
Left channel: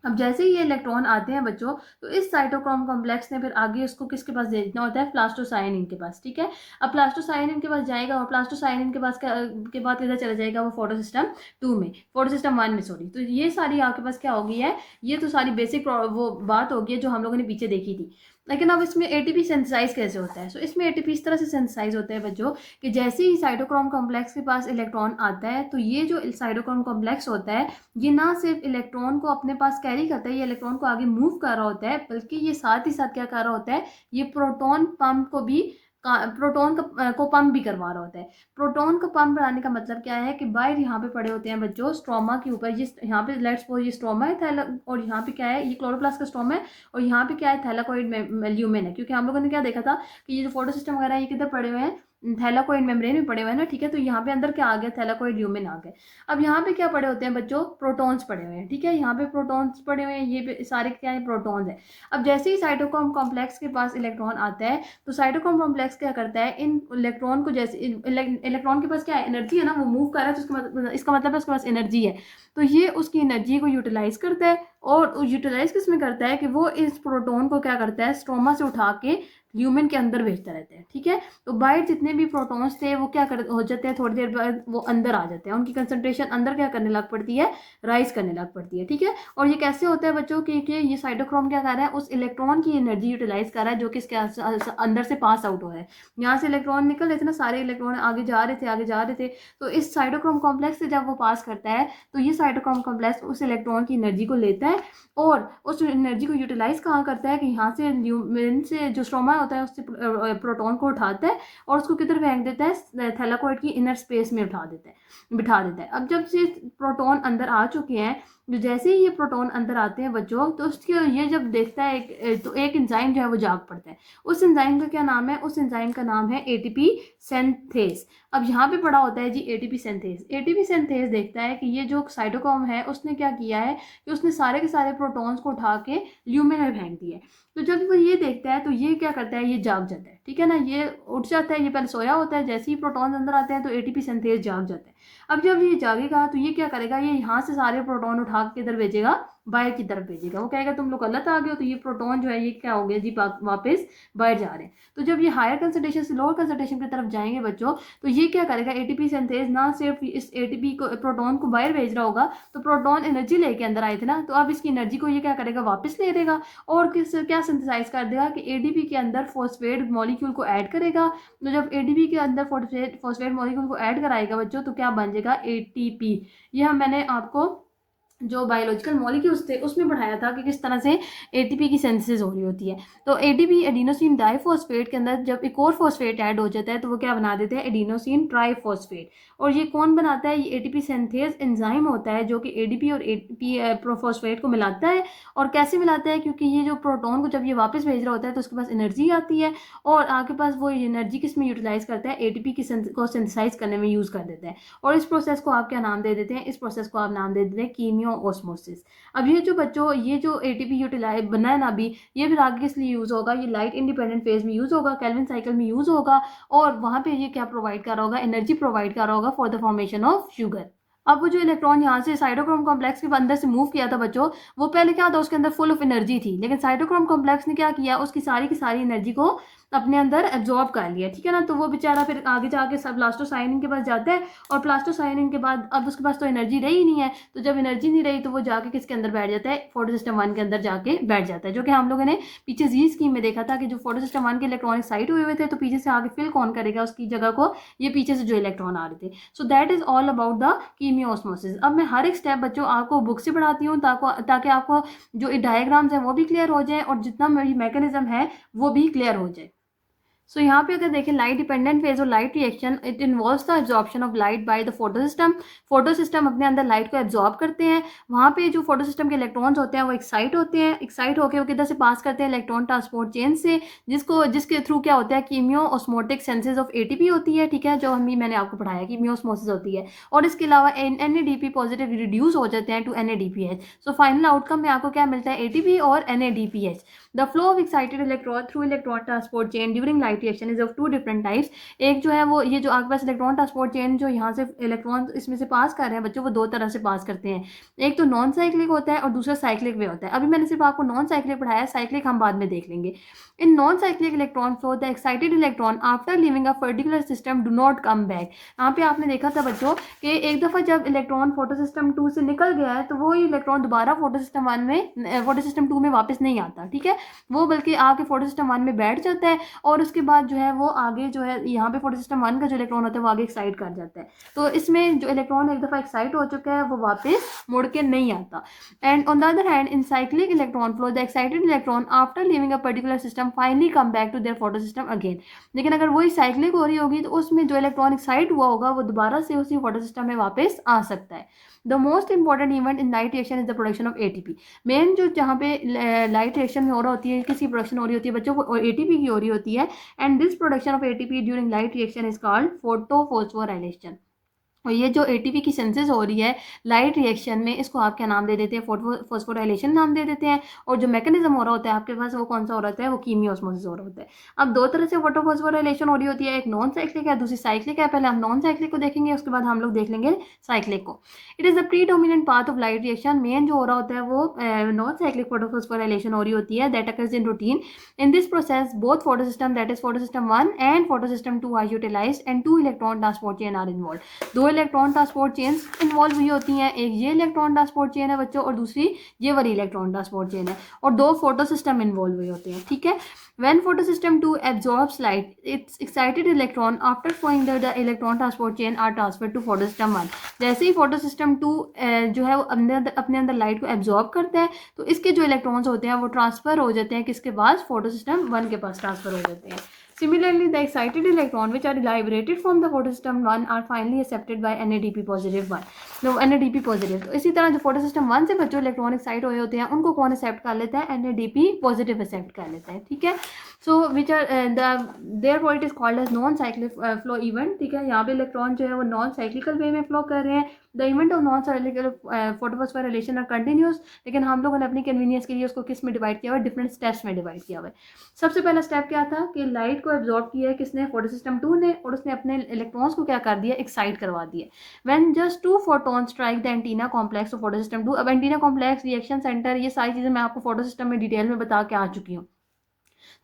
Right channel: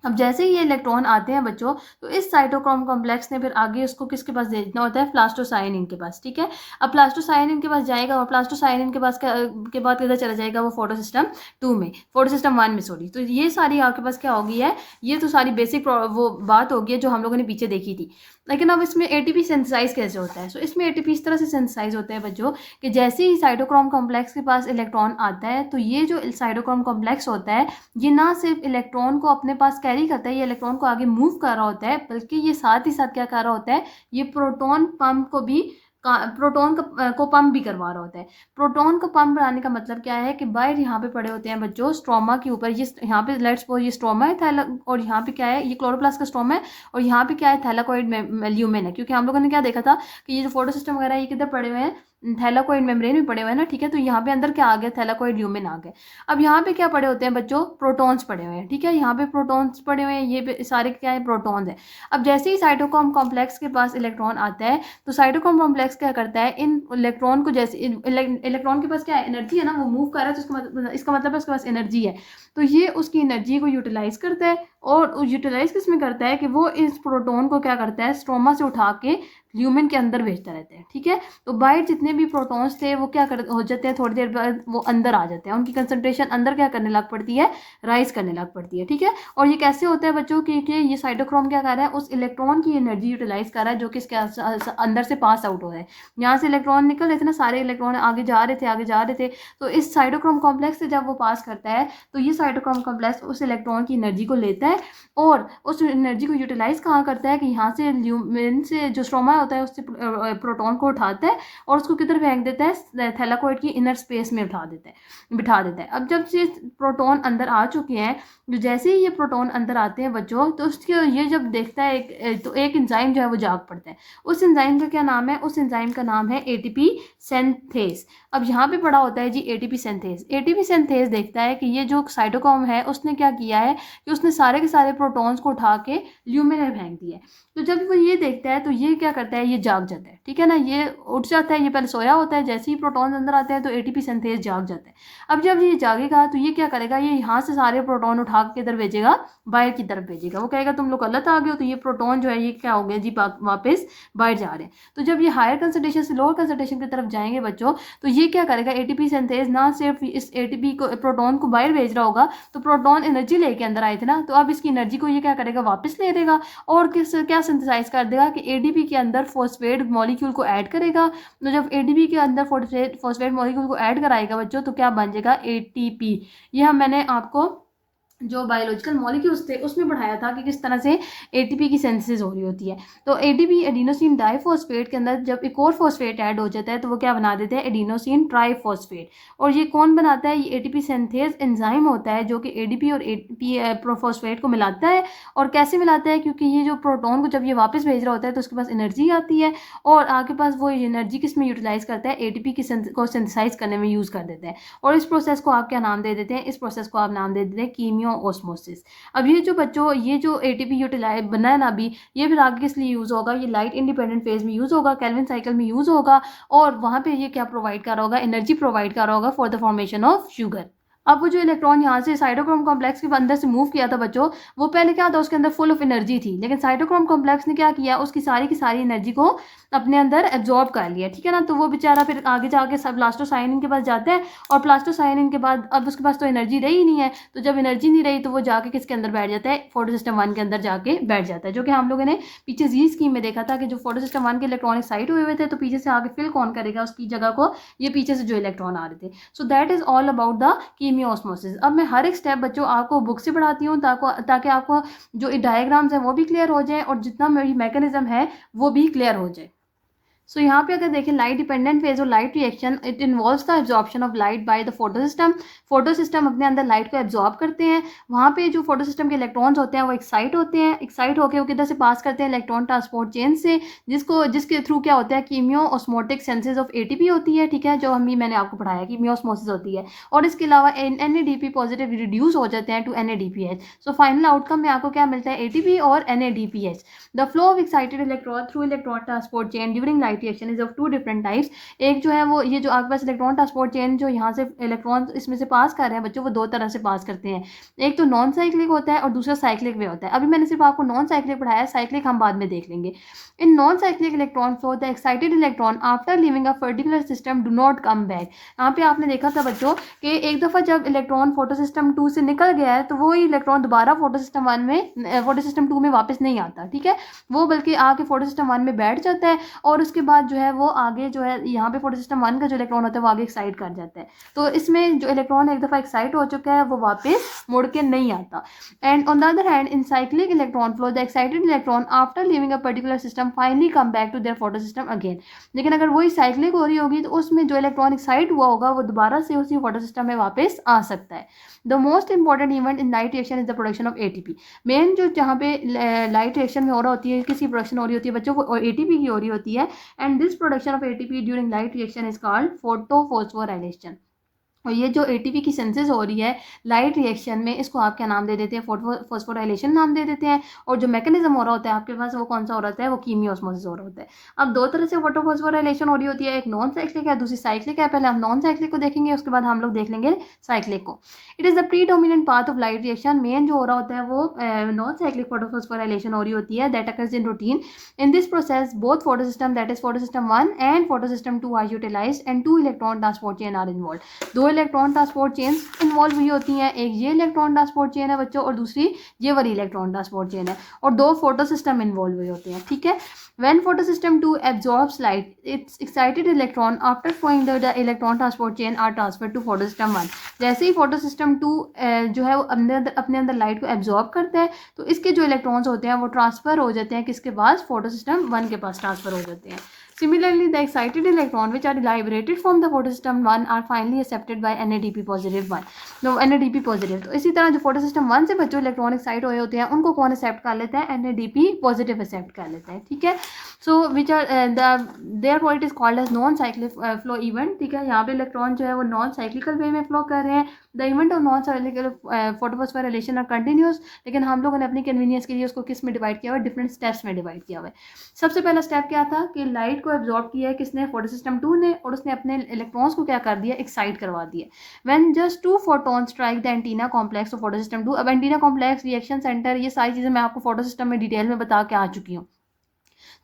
अब जैसे ही ये इलेक्ट्रॉन आते हैं बच्चों, तो इस साइटोक्रोम कॉम्प्लेक्स ने फिर आगे उसको किसके पास भेजना होता है, प्लास्टोसाइनिन के पास, ठीक है। अब प्लास्टोसाइनिन के पास जाएगा, और प्लास्टोसाइनिन के पास के बाद किधर चला जाएगा, वो फोटो सिस्टम 2 में, फोटो सिस्टम 1 में सॉरी। तो ये सारी आपके पास क्या होगी है, ये तो सारी बेसिक वो बात होगी है जो हम लोगों ने पीछे देखी थी। लेकिन अब इसमें ATP सिंथेसाइज कैसे होता है, सो इसमें ATP इस तरह से सिंथेसाइज होता है बच्चों कि जैसे ही साइटोक्रोम कॉम्प्लेक्स के पास इलेक्ट्रॉन आता है, तो ये जो साइटोक्रोम कॉम्प्लेक्स होता है ये ना सिर्फ इलेक्ट्रॉन को अपने पास कैरी करता है, ये इलेक्ट्रॉन को आगे मूव कर रहा होता है, बल्कि ये साथ ही साथ क्या कर रहा होता है, ये प्रोटॉन को पंप भी करवा रहा होता है। प्रोटॉन को पंप कराने का मतलब क्या है कि बाहर यहाँ पे पड़े होते हैं बच्चों स्ट्रोमा के ऊपर, ये यहाँ पे लेट्स सपोज ये स्ट्रोमा है और यहाँ पे क्या है, ये क्लोरोप्लास्ट का स्ट्रोमा है, और यहाँ पे क्या है, थैलाकोइड ल्यूमेन है। क्योंकि हम लोगों ने क्या देखा था कि ये जो फोटो सिस्टम वगैरह ये किधर पड़े हुए हैं, थैलाकोइड मेम्ब्रेन में पड़े हुए हैं ना, ठीक है। तो यहाँ पे अंदर क्या आ गया, थैलाकोइड ल्यूमेन आ गए। अब यहाँ पे क्या पड़े होते हैं बच्चों, प्रोटॉन्स पड़े हुए हैं, ठीक है। यहाँ पे प्रोटॉन्स पड़े हुए हैं, ये सारे क्या है, प्रोटॉन्स है। अब जैसे ही साइटोक्रोम कॉम्प्लेक्स के पास इलेक्ट्रॉन आता है, तो साइटोक्रोम कॉम्प्लेक्स क्या करता है, इन इलेक्ट्रॉन को, जैसे इलेक्ट्रॉन के पास क्या है, एनर्जी है ना, वो मूव कर रहा है, तो इसका मतलब है उसके पास एनर्जी है। तो ये उसकी एनर्जी को यूटिलाइज करता है, और यूटिलाइज किस में करता है कि वो इस प्रोटॉन को क्या करता है, स्ट्रोमा से उठा के ल्यूमेन के अंदर भेजता रहता है, ठीक है। तो बाहर जितने भी प्रोटॉन्स थे वो क्या हो जाते हैं, थोड़ी देर बाद वो अंदर आ जाते हैं, उनकी कंसंट्रेशन अंदर क्या करने लग पड़ती है, राइज करने लग पड़ती है, ठीक है। और ये कैसे होता है बच्चों कि ये साइटोक्रोम क्या कर रहा है, उस इलेक्ट्रॉन की एनर्जी यूटिलाइज कर रहा है जो कि इसके अंदर से पास आउट हो रहा है। यहाँ से इलेक्ट्रॉन निकल रहे थे ना, सारे इलेक्ट्रॉन आगे जा रहे थे, आगे जा रहे थे। तो इस साइटोक्रोम कॉम्प्लेक्स से जब वो पास करता है तो ये साइटोक्रोम कॉम्प्लेक्स उस इलेक्ट्रॉन की एनर्जी को लेता है और उस एनर्जी को यूटिलाइज कहाँ करता है कि यहाँ से ल्यूमेन से जो स्ट्रोमा होता है उससे प्रोटॉन को उठाता है और उसको किधर फेंक देता है, थैलाकोइड की इनर स्पेस में बिठा देता है। अब जब से प्रोटॉन अंदर आ चुके हैं, तो जैसे ही ये प्रोटॉन अंदर आते हैं बच्चों, तो उसके ये जब देखता है तो एक एंजाइम जो है वो जाग पड़ता है। उस एंजाइम का क्या नाम है, उस एंजाइम का नाम है एटीपी सिंथेज। अब यहाँ पे पढ़ा होता है जी एटीपी सिंथेज। एटीपी सिंथेज देखता है कि ये जो साइटोक्रोम है उसने क्या किया है कि उसने सारे के सारे प्रोटॉन्स को उठा के ल्यूमेन में फेंक दिया है। तो जब वो ये देखता है तो ये क्या करता है, ये जाग जाता है, ठीक है ना, ये उठ जाता है। ये पहले सोया होता है, जैसे ही प्रोटॉन्स अंदर आते हैं तो एटीपी सिंथेज जाग जाता है। अब जब ये जागेगा तो ये क्या करेगा, ये यहाँ से सारे प्रोटॉन उठा के इधर भेजेगा, बाहर की तरफ भेजेगा। वो कहेगा तुम लोग गलत आ गए हो, तो ये प्रोटॉन जो है ये क्या हो गया जी, वापस बाहर जा रहे हैं। तो जब ये हायर कंसंट्रेशन से लोअर कंसंट्रेशन की तरफ जाएंगे बच्चों, तो ये क्या करेगा, एटीपी सिंथेज ना सिर्फ इस एटीपी को प्रोटॉन को बाहर भेज रहा होगा, तो प्रोटॉन एनर्जी लेके अंदर आए थे ना, तो अब इसकी एनर्जी को ये क्या करेगा, वापस ले देगा और क्या सिंथेसाइज कर देगा कि एडीपी के अंदर फॉस्फेट मॉलिक्यूल को ऐड करेगा। तो जब एडीपी के अंदर फॉस्फेट मॉलिक्यूल को ऐड कराएगा बच्चों, तो क्या बन जाएगा, एटीपी। यह मैंने आपको जो बायोलॉजिकल मॉलिक्यूल्स थे उसमें पढ़ाया था कि किस तरह से एटीपी की सिंथेसिस हो रही होती है। तो एटीपी एडिनोसिन डाइफॉस्फेट के अंदर जब एक और फॉस्फेट ऐड हो जाता है तो वो क्या बना देते हैं, एडिनोसिन ट्राइफॉस्फेट। और ये कौन बनाता है, ये एटीपी सिंथेज एंजाइम होता है जो कि एडीपी और एटीपी फॉस्फेट को मिलाता है। और कैसे मिलाता है, क्योंकि ये जो प्रोटॉन को जब ये वापस भेज रहा होता है तो उसके पास एनर्जी आती है और आपके पास वो एनर्जी किस में यूटिलाइज करता है, एटीपी की को सिंथेसाइज करने में यूज कर देते हैं। और इस प्रोसेस को आप क्या नाम दे देते हैं, इस प्रोसेस को आप नाम दे देते हैं कीमियो ऑस्मोसिस। अब ये जो बच्चों ये जो एटीपी यूटिलाइज बना है ना अभी, ये फिर आगे किस लिए यूज होगा, ये लाइट इंडिपेंडेंट फेज में यूज होगा, केल्विन साइकिल में यूज होगा। और वहां पे ये क्या प्रोवाइड कर रहा होगा, एनर्जी प्रोवाइड कर रहा होगा for the formation of sugar. अब वो जो इलेक्ट्रॉन यहाँ से साइटोक्रोम कॉम्प्लेक्स के अंदर से मूव किया था बच्चों, वो पहले क्या था, उसके अंदर फुल ऑफ एनर्जी थी, लेकिन साइटोक्रोम कॉम्प्लेक्स ने क्या किया, उसकी सारी की सारी एनर्जी को अपने अंदर एब्जॉर्ब कर लिया, ठीक है ना। तो वो बेचारा फिर आगे जाके सब प्लास्टोसाइनिन के पास जाता है और प्लास्टोसाइनिन के बाद अब उसके पास तो एनर्जी रही ही नहीं है। तो जब एनर्जी नहीं रही तो वो जाके किसके अंदर बैठ जाता है, फोटोसिस्टम 1 के अंदर जाके बैठ जाता है, जो कि हम लोगों ने पीछे जी स्कीम में देखा था कि जो फोटोसिस्टम 1 के इलेक्ट्रॉनिक साइट हुए थे तो पीछे से आगे फिल कौन करेगा उसकी जगह को, ये पीछे से जो इलेक्ट्रॉन आ रहे थे। So that is all about the chemiosmosis. अब मैं हर एक स्टेप बच्चों आपको बुक से पढ़ाती हूँ ताकि आपको जो डायग्राम्स हैं वो भी क्लियर हो जाए और जितना मेरी मैकेनिज्म है वो भी क्लियर हो जाए। सो यहाँ पे अगर देखें लाइट डिपेंडेंट फेज और light reaction, it involves the absorption of light by the photosystem. Photosystem अपने अंदर लाइट को एब्जॉर्ब करते हैं। वहाँ पे जो फोटोसिस्टम के इलेक्ट्रॉन्स होते हैं वो एक्साइट होते हैं, एक्साइट होकर वो किधर से पास करते हैं, इलेक्ट्रॉन ट्रांसपोर्ट चेन से, जिसके थ्रू क्या होता है, कीमियो ऑस्मोटिक सेंसेस ऑफ एटीपी होती है, ठीक है, जो मैंने आपको पढ़ाया कीमियो ऑस्मोसिस होती है। और इसके अलावा NADP पॉजिटिव रिड्यूस हो जाते हैं to NADPH। So final outcome में आपको क्या मिलता है, ATP और NADPH। The flow of excited electron through electron transport chain during light reaction is of two different types. एक जो है वो ये जो आपके पास इलेक्ट्रॉन ट्रांसपोर्ट चेन जो यहाँ से इलेक्ट्रॉन इसमें से पास कर रहे हैं बच्चों, वो दो तरह से पास करते हैं। एक तो नॉन साइक्लिक होता है और दूसरा साइक्लिक वे होता है। अभी मैंने सिर्फ आपको नॉन साइक्लिक पढ़ाया है, साइक्लिक हम बाद में देख लेंगे। In non cyclic electron flow the excited electron after living a particular system do not come back. यहाँ पे आपने देखा था बच्चों कि एक दफ़ा जब इलेक्ट्रॉन फोटोसिस्टम 2 से निकल गया है तो वो इलेक्ट्रॉन दोबारा फोटोसिस्टम 2 में वापस नहीं आता, ठीक है, वो बल्कि आके फोटोसिस्टम 1 में बैठ जाता है और उसके बाद जो है वो आगे जो है यहाँ पे फोटोसिस्टम 1 का जो इलेक्ट्रॉन होता है वो आगे एक्साइट कर जाता है। तो इसमें जो इलेक्ट्रॉन एक दफ़ा एक्साइट हो चुका है वो वापस मुड़ के नहीं आता। And on the other hand in cyclic electron flow the excited electron after living a particular system finally come back to their photosystem again. लेकिन अगर वही साइक्लिक हो रही होगी तो उसमें जो इलेक्ट्रॉन एक्साइट हुआ होगा वो दोबारा से उसी फोटोसिस्टम में वापस आ सकता है। The most important event in light reaction is the production of ATP। Main जो जहाँ पे लाइट रिएक्शन में हो रहा होती है, किसी प्रोडक्शन हो रही होती है बच्चों को, ATP की हो रही होती है। And this production of ATP during light reaction is called photophosphorylation. और ये जो एटीपी की सिंथेसिस हो रही है लाइट रिएक्शन में, इसको आप क्या नाम दे देते हैं, फोस्फोराइलेशन नाम दे देते हैं। और जो मैकेनिज्म हो रहा होता है आपके पास वो कौन सा हो रहा होता है, वो कीमियोस्मोसिस हो रहा होता है। अब दो तरह से फोटोफोस्फोराइलेशन हो रही होती है, एक नॉन साइक्लिक है, दूसरी साइक्लिक है। पहले हम नॉन साइक्लिक को देखेंगे, उसके बाद हम लोग देख लेंगे साइक्लिक को। It is the predominant path of light reaction. Main जो हो रहा होता है वो नॉन साइक्लिक फोटोफोस्फोराइलेशन हो रही होती है, that occurs in routine. In this process, both photosystem, that is photosystem 1 and photosystem 2 are utilized and two electron transport chain are involved. दो इलेक्ट्रॉन ट्रांसपोर्ट चेन्स इन्वॉल्व हुई होती हैं, एक ये इलेक्ट्रॉन ट्रांसपोर्ट चेन है बच्चों और दूसरी ये वाली इलेक्ट्रॉन ट्रांसपोर्ट चेन है, और दो फोटो सिस्टम इन्वॉल्व हुए होते हैं, ठीक है। When photosystem 2 absorbs light, its excited electron after flowing the electron transport chain are transferred to photosystem 1. जैसे ही photosystem 2 जो है वो अपने अंदर लाइट को एब्जॉर्ब करता है, तो इसके जो इलेक्ट्रॉन्स होते हैं वो ट्रांसफर हो जाते हैं किसके पास, फोटोसिस्टम 1 के पास ट्रांसफर हो जाते हैं। Similarly, the excited electron which are liberated from the photosystem 1 are finally accepted by NADP positive 1. No, NADP positive. तो इसी तरह जो photosystem 1 से बच्चों इलेक्ट्रॉन एक्साइट हुए होते हैं उनको कौन एक्सेप्ट कर लेता है, NADP positive एक्सेप्ट कर लेते हैं, ठीक है। So which are therefore it is called as non cyclic flow event, ठीक है। यहाँ पे इलेक्ट्रॉन जो है वो नॉन साइक्लिकल वे में फ्लो कर रहे हैं। The event of non cyclical photophosphorylation are continuous, लेकिन हम लोगों ने अपनी कन्वीनियंस के लिए उसको किस में डिवाइड किया हुआ है, डिफरेंट स्टेप्स में डिवाइड किया हुआ है। सबसे पहला स्टेप क्या था कि लाइट को एब्जॉर्ब किया है किसने, फोटोसिस्टम 2 ने, और उसने अपने इलेक्ट्रॉन्स को क्या कर दिया, एक्साइट करवा दिया। When just 2 photons strike the antenna complex of photosystem 2। अब एंटीना कॉम्प्लेक्स, रिएक्शन सेंटर, ये सारी चीज़ें मैं आपको फोटोसिस्टम में डिटेल में बता के आ चुकी हूँ।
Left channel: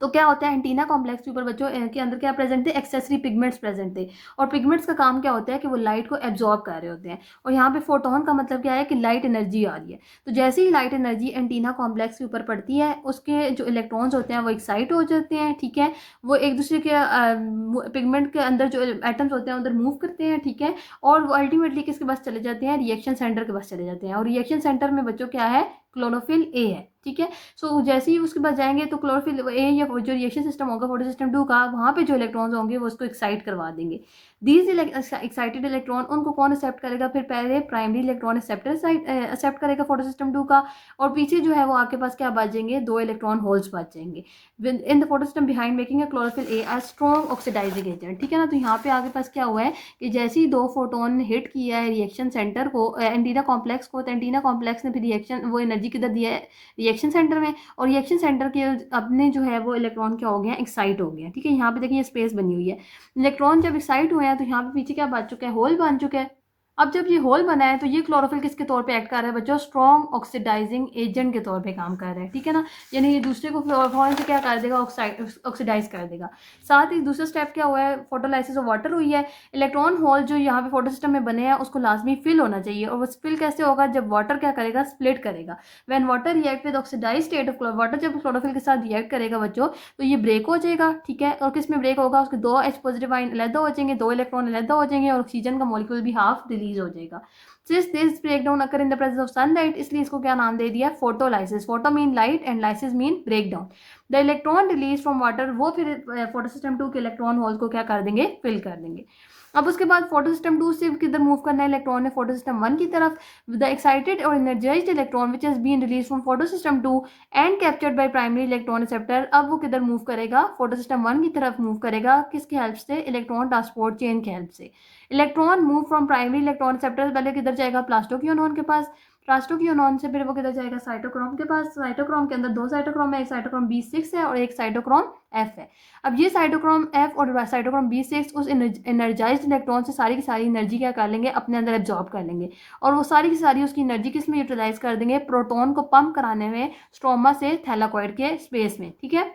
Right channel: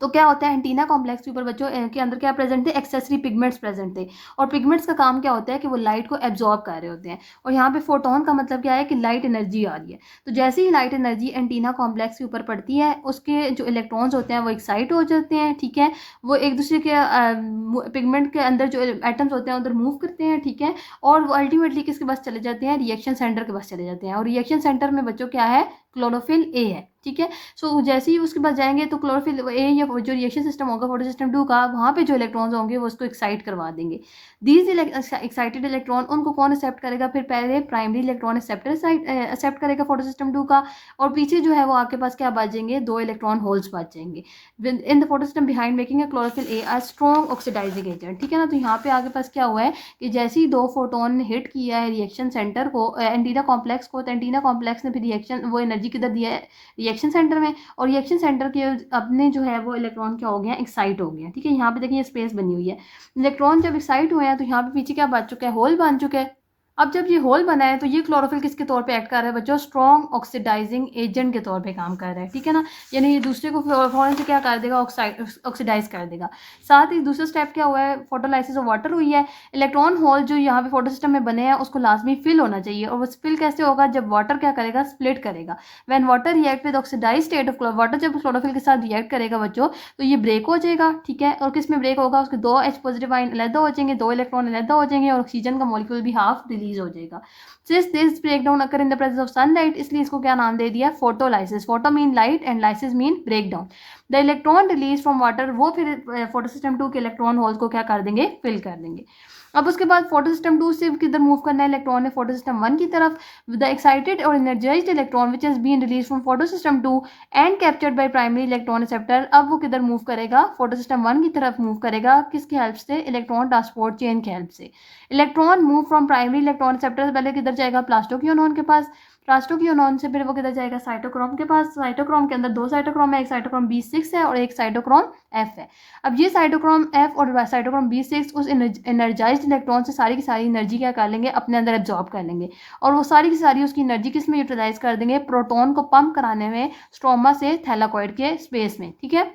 तो क्या होता है, एंटीना कॉम्प्लेक्स के ऊपर बच्चों के अंदर क्या प्रेजेंट थे, एक्सेसरी पिगमेंट्स प्रेजेंट थे, और पिगमेंट्स का काम क्या होता है कि वो लाइट को एब्जॉर्ब कर रहे होते हैं। और यहाँ पे फोटोन का मतलब क्या है कि लाइट एनर्जी आ रही है। तो जैसे ही लाइट एनर्जी एंटीना कॉम्प्लेक्स के ऊपर पड़ती है, उसके जो इलेक्ट्रॉन्स होते हैं वो एक्साइट हो जाते हैं, ठीक है। वो एक दूसरे के पिगमेंट के अंदर जो एटम्स होते हैं उधर मूव करते हैं, ठीक है। और वो अल्टीमेटली किसके पास चले जाते हैं, रिएक्शन सेंटर के पास चले जाते हैं। और रिएक्शन सेंटर में बच्चों क्या है, क्लोरोफिल ए है, ठीक है। सो जैसे ही उसके पास जाएंगे तो क्लोरोफिल ए या जो रिएक्शन सिस्टम होगा फोटोसिस्टम 2 का, वहाँ पे जो इलेक्ट्रॉन्स होंगे वो उसको एक्साइट करवा देंगे। दीज एक्साइटेड इलेक्ट्रॉन, उनको कौन एक्सेप्ट करेगा, फिर पहले प्राइमरी इलेक्ट्रॉन एक्सेप्ट करेगा फोटोसिस्टम 2 का, और पीछे जो है वो आपके पास क्या बचेंगे, दो इलेक्ट्रॉन होल्स बच जाएंगे in the photosystem behind making a chlorophyll a a strong oxidizing agent, ठीक है ना। तो यहाँ पे आगे पास क्या हुआ है कि जैसे ही दो फोटोन ने हिट किया है रिएक्शन सेंटर को, एंटीना कॉम्प्लेक्स को, तो एंटीना कॉम्प्लेक्स ने फिर रिएक्शन वो एनर्जी किधर दिया है, रिएक्शन सेंटर में। और रिएक्शन सेंटर के अपने जो है वो इलेक्ट्रॉन क्या हो गया, एक्साइट हो गया, ठीक है। यहाँ पे देखिए स्पेस बनी हुई है, इलेक्ट्रॉन जब एक्साइट हुए हैं तो यहाँ पे पीछे क्या बन चुका है, होल बन चुका है। अब जब ये होल बना है तो ये क्लोरोफिल किसके तौर पे एक्ट कर रहा है बच्चों, स्ट्रॉन्ग ऑक्सीडाइजिंग एजेंट के तौर पे काम कर रहा है, ठीक है ना। यानी ये दूसरे को फौरन से क्या कर देगा, ऑक्सीडाइज कर देगा। साथ ही दूसरा स्टेप क्या हुआ है, फोटोलाइसिस ऑफ वाटर हुई है। इलेक्ट्रॉन होल जो यहाँ पे फोटो सिस्टम में बने हैं उसको लाजमी फिल होना चाहिए, और वो फिल कैसे होगा, जब वाटर क्या करेगा, स्प्लिट करेगा। When water react with oxidize state of water, जब क्लोरोफिल के साथ रिएक्ट करेगा बच्चों तो ये ब्रेक हो जाएगा, ठीक है। और किस में ब्रेक होगा, उसके दो H पॉजिटिव आयन अलग हो जाएंगे, दो इलेक्ट्रॉन अलग हो जाएंगे, और ऑक्सीजन का मॉलिक्यूल भी हाफ रिलीज हो जाएगा। Since this breakdown occur in the presence of sunlight, इसलिए इसको क्या नाम दे दिया, photolysis. Photo mean light and lysis mean breakdown. The electron release from water, वो फिर फोटोसिस्टम 2 के इलेक्ट्रॉन होल को क्या कर देंगे, फिल कर देंगे। अब उसके बाद फोटोसिस्टम 2 से किधर मूव करना है इलेक्ट्रॉन ने, फोटोसिस्टम 1 की तरफ। द एक्साइटेड और energized electron which has been release from photosystem 2 and captured by primary electron receptor, अब वो किधर मूव करेगा, फोटोसिस्टम 1 की तरफ मूव करेगा, किसकी हेल्प से, इलेक्ट्रॉन ट्रांसपोर्ट चेन की हेल्प से। Electron move from primary electron receptor, पहले किधर जाएगा, प्लास्टोक्योनॉन के पास, प्लास्टोक्योनॉन से फिर वो किधर जाएगा, साइटोक्रोम के पास। साइटोक्रोम के अंदर दो साइटोक्रोम है, एक साइटोक्रोम B6 है और एक साइटोक्रोम F है। अब ये साइटोक्रोम F और साइटोक्रोम B6 उस एनर्जाइज्ड इलेक्ट्रॉन से सारी की सारी एनर्जी क्या कर लेंगे, अपने अंदर एब्जॉर्ब कर लेंगे, और वो सारी की सारी उसकी एनर्जी किस में यूटिलाइज कर देंगे, प्रोटॉन को पंप कराने में स्ट्रोमा से थैलाकॉइड के स्पेस में, ठीक है।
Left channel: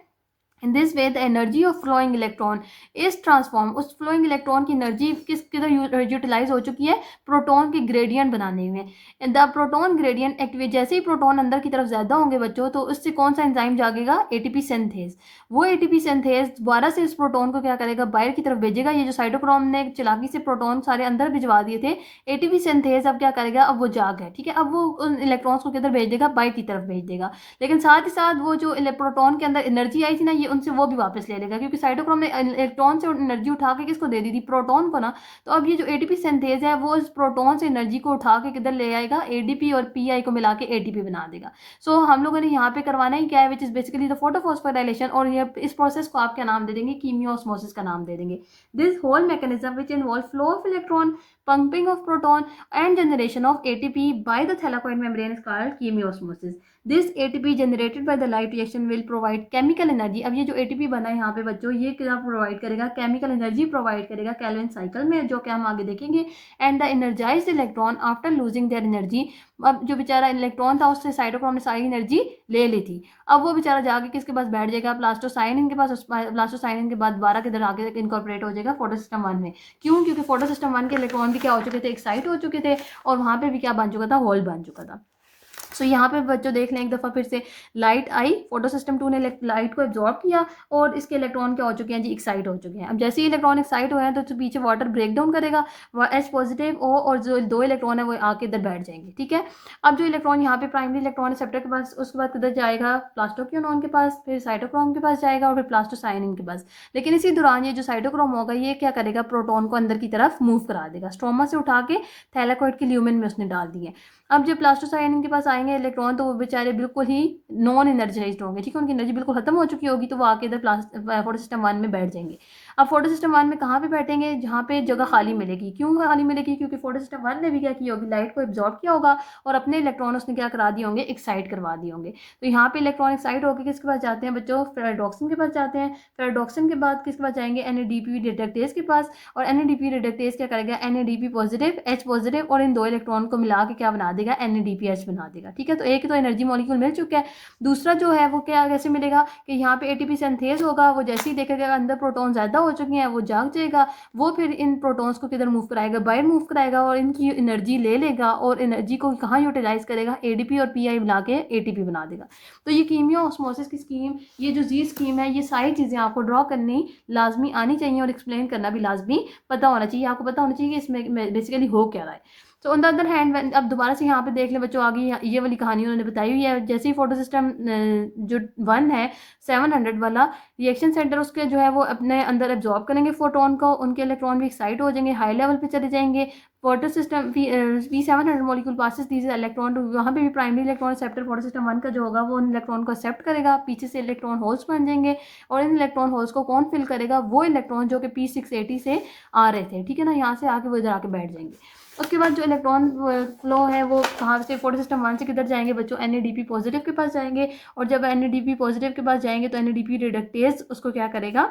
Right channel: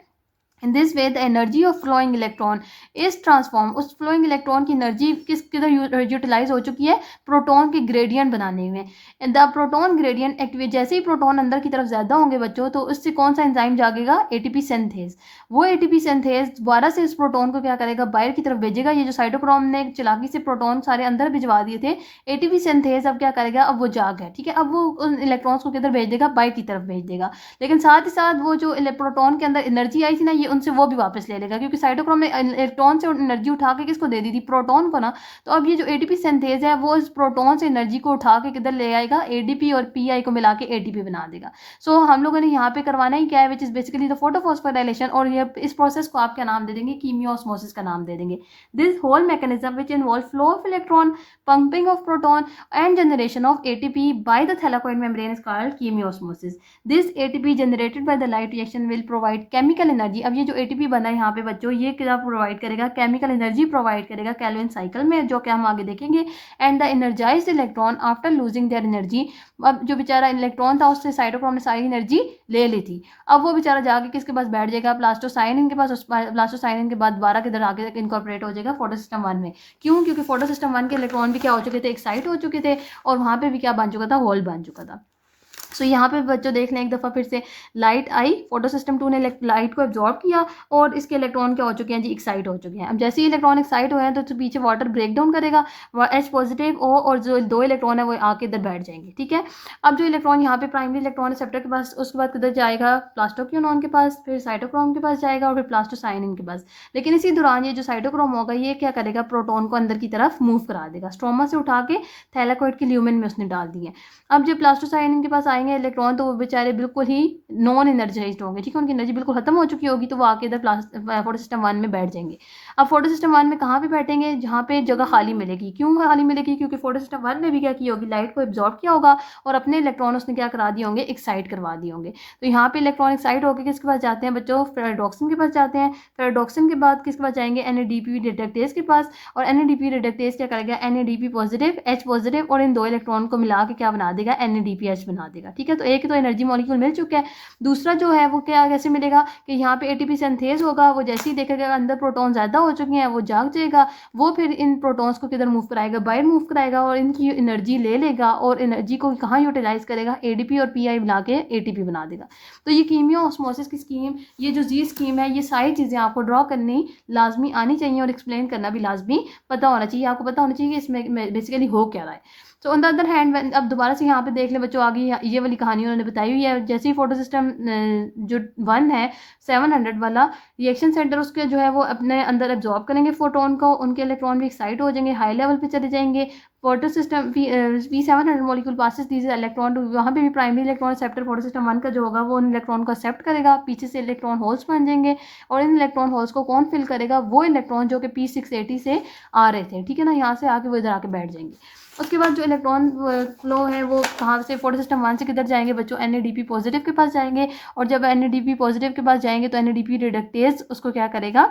In this way, the energy of flowing electron is transformed. उस flowing electron की एनर्जी किधर यूटिलाइज हो चुकी है, प्रोटॉन की ग्रेडियंट बनाने में। द प्रोटॉन ग्रेडियंट एक्टिवेट, जैसे ही प्रोटॉन अंदर की तरफ ज़्यादा होंगे बच्चों तो उससे कौन सा एंजाइम जागेगा, एटीपी सिंथेज। वो एटीपी सिंथेज दोबारा से इस प्रोटॉन को क्या करेगा, बाहर की तरफ भेजेगा। ये जो साइटोक्रोम ने चालाकी से प्रोटॉन सारे अंदर भिजवा दिए थे, एटीपी सिंथेज अब क्या करेगा, अब वो जाग है, ठीक है। अब वो उन इलेक्ट्रॉन्स को किधर भेज देगा, बाहर की तरफ भेज देगा। लेकिन साथ ही साथ वो जो प्रोटॉन के अंदर एनर्जी आई थी ना, ये उनसे वो भी वापस ले लेगा, क्योंकि साइटोक्रोम ने इलेक्ट्रॉन से एनर्जी उठा के किसको दे दी थी, प्रोटॉन को ना। तो अब ये जो एटीपी सिंथेज है वो इस प्रोटॉन से एनर्जी को उठा के किधर ले आएगा, एडीपी और पीआई को मिला के एटीपी बना देगा। सो हम लोगों ने यहाँ पे करवाना ही क्या है, which is basically the photophosphorylation. और या इस प्रोसेस को आप क्या नाम दे देंगे, कीमियोस्मोसिस का नाम दे देंगे। This whole mechanism which involve flow of electron, pumping of proton and generation of ATP by the thylakoid membrane is called chemiosmosis. This ATP generated by the light reaction will provide chemical energy. अब ये जो एटीपी बना है यहाँ पे बच्चों, ये क्या प्रोवाइड करेगा, केमिकल एनर्जी प्रोवाइड करेगा केल्विन साइकिल में, जो कि हम आगे देखेंगे। And the energised electron after losing their energy, अब जो बेचारा इलेक्ट्रॉन था उससे साइटोक्रोम ने सारी एनर्जी ले ली थी, अब वो बेचारा जाके किसके पास बैठ जाएगा, प्लास्टोसाइनिन के पास। प्लास्टोसाइनिन के बाद दोबारा किधर आगे इनकॉर्पोरेट हो जाएगा, फोटोसिस्टम 1 में। क्यों? क्योंकि फोटोसिस्टम 1 के इलेक्ट्रॉन भी क्या हो चुके थे, एक्साइट हो चुके थे, और वहाँ पे भी क्या बन चुका था, होल बन चुका था। सो यहाँ पे बच्चों देख लें एक दफ़ा फिर से, लाइट आई, फोटोसिस्टम 2 ने लाइट को एब्जॉर्ब किया और इसके इलेक्ट्रॉन क्या हो चुके हैं जी, एक्साइट हो चुके हैं। अब जैसे ही इलेक्ट्रॉन एक्साइट हुए हैं तो पीछे वाटर ब्रेक डाउन करेगा, H पॉजिटिव O, और जो 2 इलेक्ट्रॉन है वो आके इधर बैठ जाएंगे, ठीक है। अब जो इलेक्ट्रॉन यहाँ पे प्राइमरी इलेक्ट्रॉन रिसेप्टर के पास, उसके बाद किधर जाएगा, प्लास्टोक्यूनॉन के पास, फिर साइटोक्रोम के पास जाएगा और फिर प्लास्टोसाइनिन के पास। लेकिन इसी दौरान ये जो साइटोक्रोम होगा ये क्या करेगा, प्रोटॉन को अंदर की तरफ मूव करा देगा, स्ट्रोमा से उठा के थैलाकोइड के ल्यूमेन में उसने डाल दिए। अब जब प्लास्टोसाइनिन के पास आएंगे इलेक्ट्रॉन तो वो बेचारे बिल्कुल ही नॉन एनर्जाइज्ड होंगे, ठीक है, उनकी एनर्जी बिल्कुल खत्म हो चुकी होगी, तो वो आके इधर फोटोसिस्टम 1 में बैठ जाएंगे। अब फोटोसिस्टम 1 में कहाँ पे बैठेंगे, जहाँ पे जगह खाली मिलेगी। क्यों खाली मिलेगी? क्योंकि फोटोसिस्टम 1 ने भी क्या की होगी, लाइट को एब्जॉर्ब किया होगा और अपने इलेक्ट्रॉन उसने क्या करा दिए होंगे, एक्साइट करवा दिए होंगे। तो यहाँ पे इलेक्ट्रॉन एक्साइट होकर किसके पास जाते हैं बच्चों, फेराडॉक्सिन के पास जाते हैं। फेराडॉक्सिन के बाद किसके पास जाएंगे, NADP रिडक्टेज के पास, और NADP रिडक्टेज क्या करेगा, NADP पॉजिटिव H पॉजिटिव और इन 2 इलेक्ट्रॉन को मिला के क्या बना देगा, NADPH बना देगा, ठीक है। तो एक तो एनर्जी मॉलिक्यूल मिल चुका है, दूसरा जो है वो क्या कैसे मिलेगा कि यहाँ पे ATP सिंथेज होगा, वो जैसे ही देखेगा अंदर प्रोटॉन ज़्यादा हो चुके हैं वो जाग जाएगा, वो फिर इन प्रोटॉन्स को किधर मूव कराएगा, बाहर मूव कराएगा और इनकी एनर्जी ले लेगा और एनर्जी को कहाँ यूटिलाइज करेगा, ADP और PI मिला के ATP बना देगा। तो ये कीमियोस्मोसिस की स्कीम, ये जो जी स्कीम है, ये सारी चीज़ें आपको ड्रॉ करनी लाजमी आनी चाहिए और एक्सप्लेन करना भी लाजमी पता होना चाहिए, आपको पता होना चाहिए कि इसमें बेसिकली हो क्या रहा है। So on the other hand, अब दोबारा से यहाँ पे देख लें बच्चों, आगे ये वाली कहानी उन्होंने बताई हुई है। जैसे ही फोटोसिस्टम जो 1 है 700 वाला रिएक्शन सेंटर, उसके जो है वो अपने अंदर एब्जॉर्ब करेंगे फोटोन को, उनके इलेक्ट्रॉन भी एक्साइट हो जाएंगे, हाई लेवल पे चले जाएंगे। Photosystem P700 molecule passes these electron to, वहाँ पे भी प्राइमरी इलेक्ट्रॉन रिसेप्टर फोटोसिस्टम 1 का जो होगा वो उन इलेक्ट्रॉन को एक्सेप्ट करेगा, पीछे से इलेक्ट्रॉन होल्स बन जाएंगे और इन इलेक्ट्रॉन होल्स को कौन फिल करेगा, वो इलेक्ट्रॉन जो कि P680 से आ रहे थे, ठीक है ना, यहाँ से आके वो इधर आके बैठ जाएंगे। उसके बाद जो इलेक्ट्रॉन फ्लो है वो कहाँ से, फोटोसिस्टम 1 से किधर जाएंगे बच्चों, NADP पॉजिटिव के पास जाएंगे, और जब NADP पॉजिटिव के पास जाएंगे तो NADP रिडक्टेज उसको क्या करेगा,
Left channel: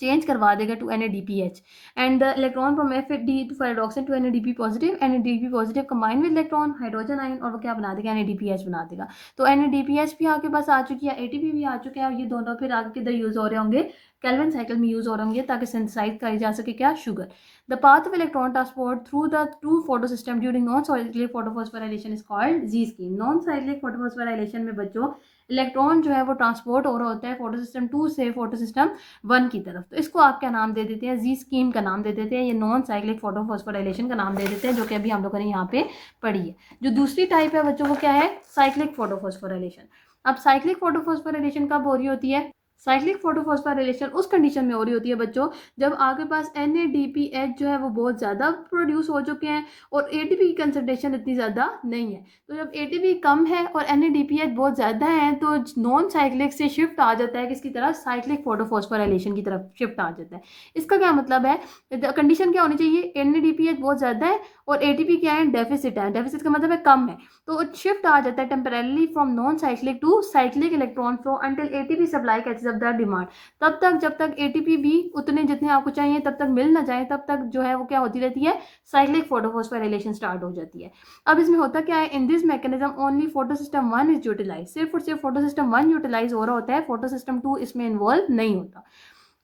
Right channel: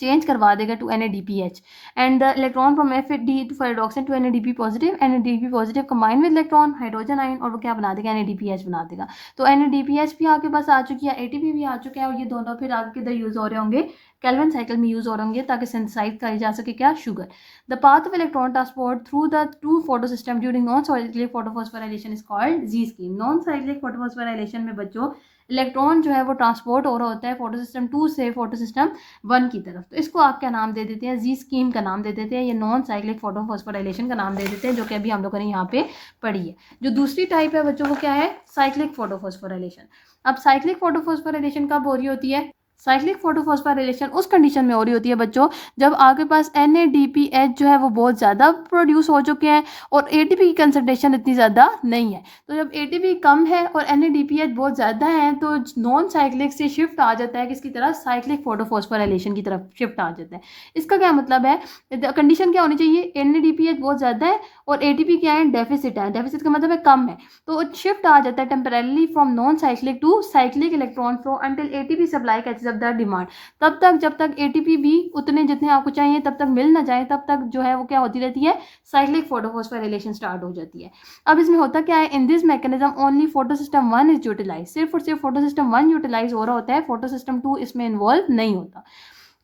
चेंज करवा देगा to NADPH, and the electron from FAD to ferredoxin to NADP positive, NADP positive combine with electron hydrogen ion और वो क्या बना देगा, NADPH बना देगा। तो NADPH भी आपके पास आ चुकी है, ATP भी आ चुके हैं, और ये दोनों फिर आगे किधर यूज़ हो रहे होंगे, केल्विन साइकिल में यूज़ हो रहे होंगे ताकि सिंथेसाइज करी जा सके क्या, sugar. The path of electron transport through the two photosystem during non cyclic photophosphorylation is called ji scheme. Non cyclic photophosphorylation में बच्चों इलेक्ट्रॉन जो है वो ट्रांसपोर्ट हो रहा होता है फोटोसिस्टम 2 से फोटोसिस्टम 1 की तरफ, तो इसको आप क्या नाम दे देते हैं, जी स्कीम का नाम दे देते हैं, ये नॉन साइक्लिक फोटोफॉस्फोराइलेशन का नाम दे देते हैं, जो कि अभी हम लोगों ने यहाँ पे पढ़ी है। जो दूसरी टाइप है बच्चों वो क्या है, साइक्लिक फोटोफॉस्फोराइलेशन। अब साइक्लिक फोटोफॉस्फोराइलेशन कब हो रही होती है, साइक्लिक फोटोफॉस्फोराइलेशन उस कंडीशन में हो रही होती है बच्चों जब आपके पास NADPH जो है वो बहुत ज़्यादा प्रोड्यूस हो चुके हैं और ATP की कंसंट्रेशन इतनी ज़्यादा नहीं है। तो जब ATP कम है और NADPH बहुत ज़्यादा है तो नॉन साइक्लिक से शिफ्ट आ जाता है किसकी तरफ, साइक्लिक फोटोफॉस्फोराइलेशन की तरफ शिफ्ट आ जाता है। इसका क्या मतलब है, कंडीशन क्या होनी चाहिए, NADPH बहुत ज़्यादा है और ATP क्या है, डेफिसिट है, डेफिसिट का मतलब है कम है, तो शिफ्ट आ जाता है temporarily from non cyclic to cyclic electron flow until ATP supply catches up the demand. तब तक जब तक ATP भी उतने जितने आपको चाहिए तब तक मिल ना जाए तब तक जो है वो क्या होती रहती है, साइक्लिक फोटोफॉस्फोराइलेशन स्टार्ट हो जाती है। अब इसमें होता क्या है, in this mechanism only photosystem 1 is utilize, सिर्फ और सिर्फ फोटोसिस्टम 1 यूटिलाइज हो रहा होता है, फोटोसिस्टम 2 इसमें इन्वॉल्व नहीं होता।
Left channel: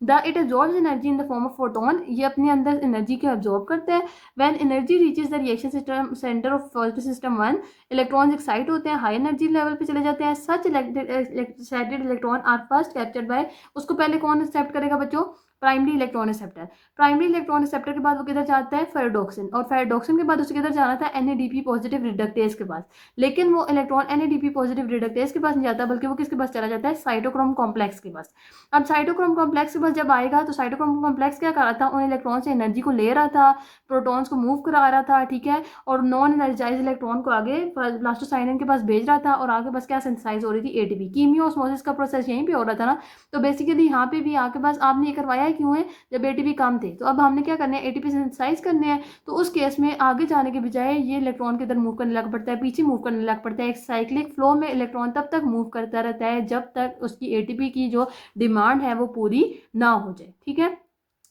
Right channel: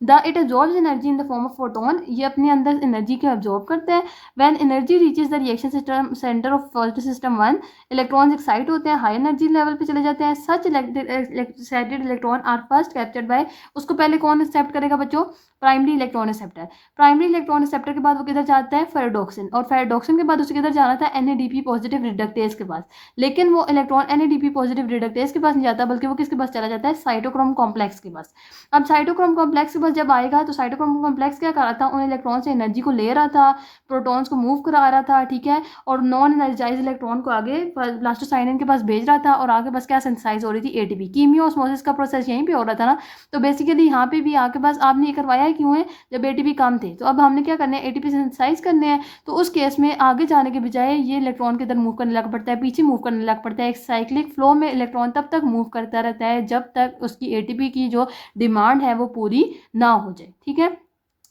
It absorbs energy in the form of photon, ये अपने अंदर एनर्जी को एब्जॉर्ब करते हैं। When energy reaches the reaction system centre of photosystem 1, electrons excite होते हैं, हाई एनर्जी लेवल पे चले जाते हैं। Such excited electron are first captured by, उसको पहले कौन एक्सेप्ट करेगा बच्चों, primary electron receptor. Primary electron receptor के बाद वो किधर जाता है, फेराडोक्सिन, और फेराडोक्सिन के बाद उसे किधर जाना था, NADP पॉजिटिव रिडक्टेज के पास। लेकिन वो इलेक्ट्रॉन NADP पॉजिटिव रिडक्टेज के पास नहीं जाता, बल्कि वो किसके पास चला जाता है, साइटोक्रोम कॉम्प्लेक्स के पास। अब साइटोक्रोम कॉम्प्लेक्स के पास जब आएगा तो साइटोक्रोम कॉम्प्लेक्स क्या कर रहा था, उन इलेक्ट्रॉन से एनर्जी को ले रहा था, प्रोटॉन्स को मूव करा रहा था, ठीक है, और नॉन एनर्जाइज इलेक्ट्रॉन को आगे प्लास्टोसाइनिन के पास भेज रहा था, और आगे बस क्या सिंथेसाइज हो रही थी, ATP। कीमियो ऑस्मोसिस का प्रोसेस यहीं पे हो रहा था ना। तो बेसिकली यहाँ पे भी आके बस आपने ये करवाया है, क्यों है, जब ATP कम थे। तो अब हमने क्या करना है, ATP सिंथेसाइज करने हैं। तो उस केस में आगे जाने के बजाय ये इलेक्ट्रॉन किधर मूव करने लग पड़ता है, पीछे मूव करने लग पड़ता है। एक साइक्लिक फ्लो में इलेक्ट्रॉन तब तक मूव करता रहता है जब तक उसकी ATP की जो डिमांड है वो पूरी ना हो जाए, ठीक है।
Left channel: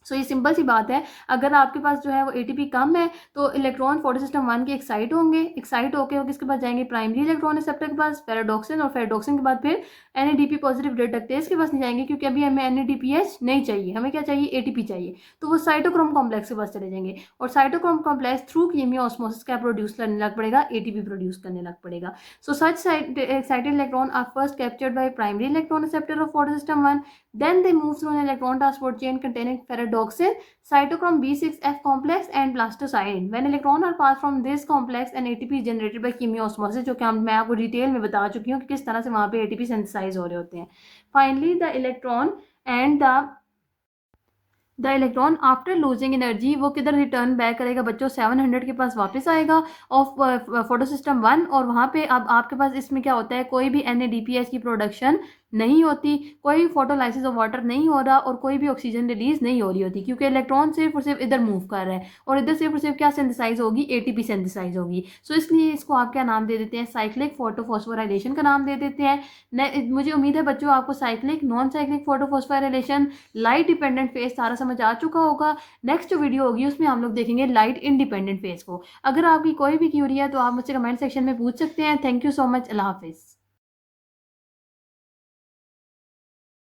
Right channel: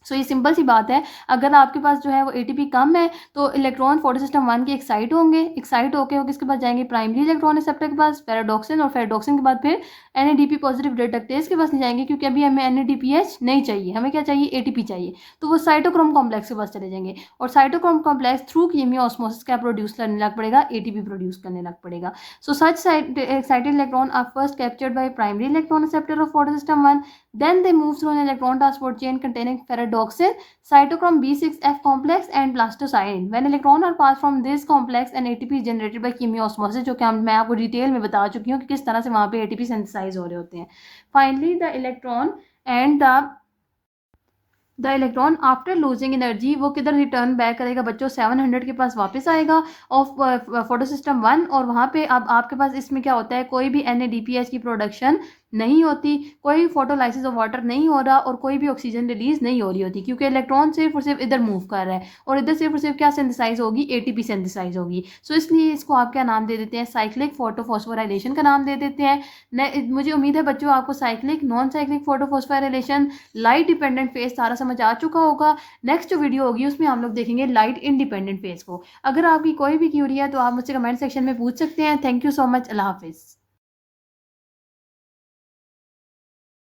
सो ये सिंपल सी बात है, अगर आपके पास जो है वो ATP कम है तो इलेक्ट्रॉन फोटोसिस्टम 1 के एक्साइट होंगे, एक्साइट होके वो किसके पास जाएंगे, प्राइमरी इलेक्ट्रॉन रिसेप्टर के पास, फेराडोक्सिन, और फेराडोक्सिन के बाद फिर NADP पॉजिटिव रिडक्टेज के पास नहीं जाएंगे, क्योंकि अभी हमें NADPH नहीं चाहिए, हमें क्या चाहिए, ATP चाहिए। तो वो साइटोक्रोम कॉम्प्लेक्स के पास चले जाएंगे, और cytochrome complex through chemiosmosis क्या प्रोड्यूस करने लग पड़ेगा, ATP प्रोड्यूस करने लग पड़ेगा। So such excited electron are first captured by primary electron receptor of photosystem 1, then they move through an electron transport chain containing ferredoxin, cytochrome B6F complex and plastocyanin. When electron are passed from this complex and ATP is generated by chemiosmosis, जो कि मैं आपको डिटेल में बता चुकी हूँ कि किस तरह से वहाँ पे ATP सिंथेसाइज हो रहे होते हैं। Finally the electron and the electron after losing energy वो किधर रिटर्न बैक करेगा बच्चों, 700 के पास वापस आएगा ऑफ फोटोसिस्टम 1, और वहाँ पे अब आपके पास इसमें क्या होता है, कोई भी NADPH की प्रोडक्शन नहीं होती, कोई फोटोलाइसिस ऑफ वाटर नहीं हो रहा, और कोई भी ऑक्सीजन रिलीज नहीं हो रही होती, क्योंकि इलेक्ट्रॉन सिर्फ और सिर्फ इधर मूव कर रहा है, और इधर सिर्फ और सिर्फ क्या सिंथेसाइज होगी, ATP सिंथेसाइज होगी। सो इसलिए इसको आप क्या नाम दे देते हैं, साइक्लिक फोटोफॉस्फोराइलेशन का नाम दे देते हैं। मुझे उम्मीद है बच्चों आपको cyclic, non cyclic photophosphorylation, light dependent phase सारा समझ आ चुका होगा। नेक्स्ट जो वीडियो होगी उसमें हम लोग देखेंगे लाइट इंडिपेंडेंट फेज को। अगर आपकी कोई भी क्यूरी है तो आप मुझसे कमेंट सेक्शन में पूछ सकते हैं। Thank you so much. अल्लाह हाफिज़।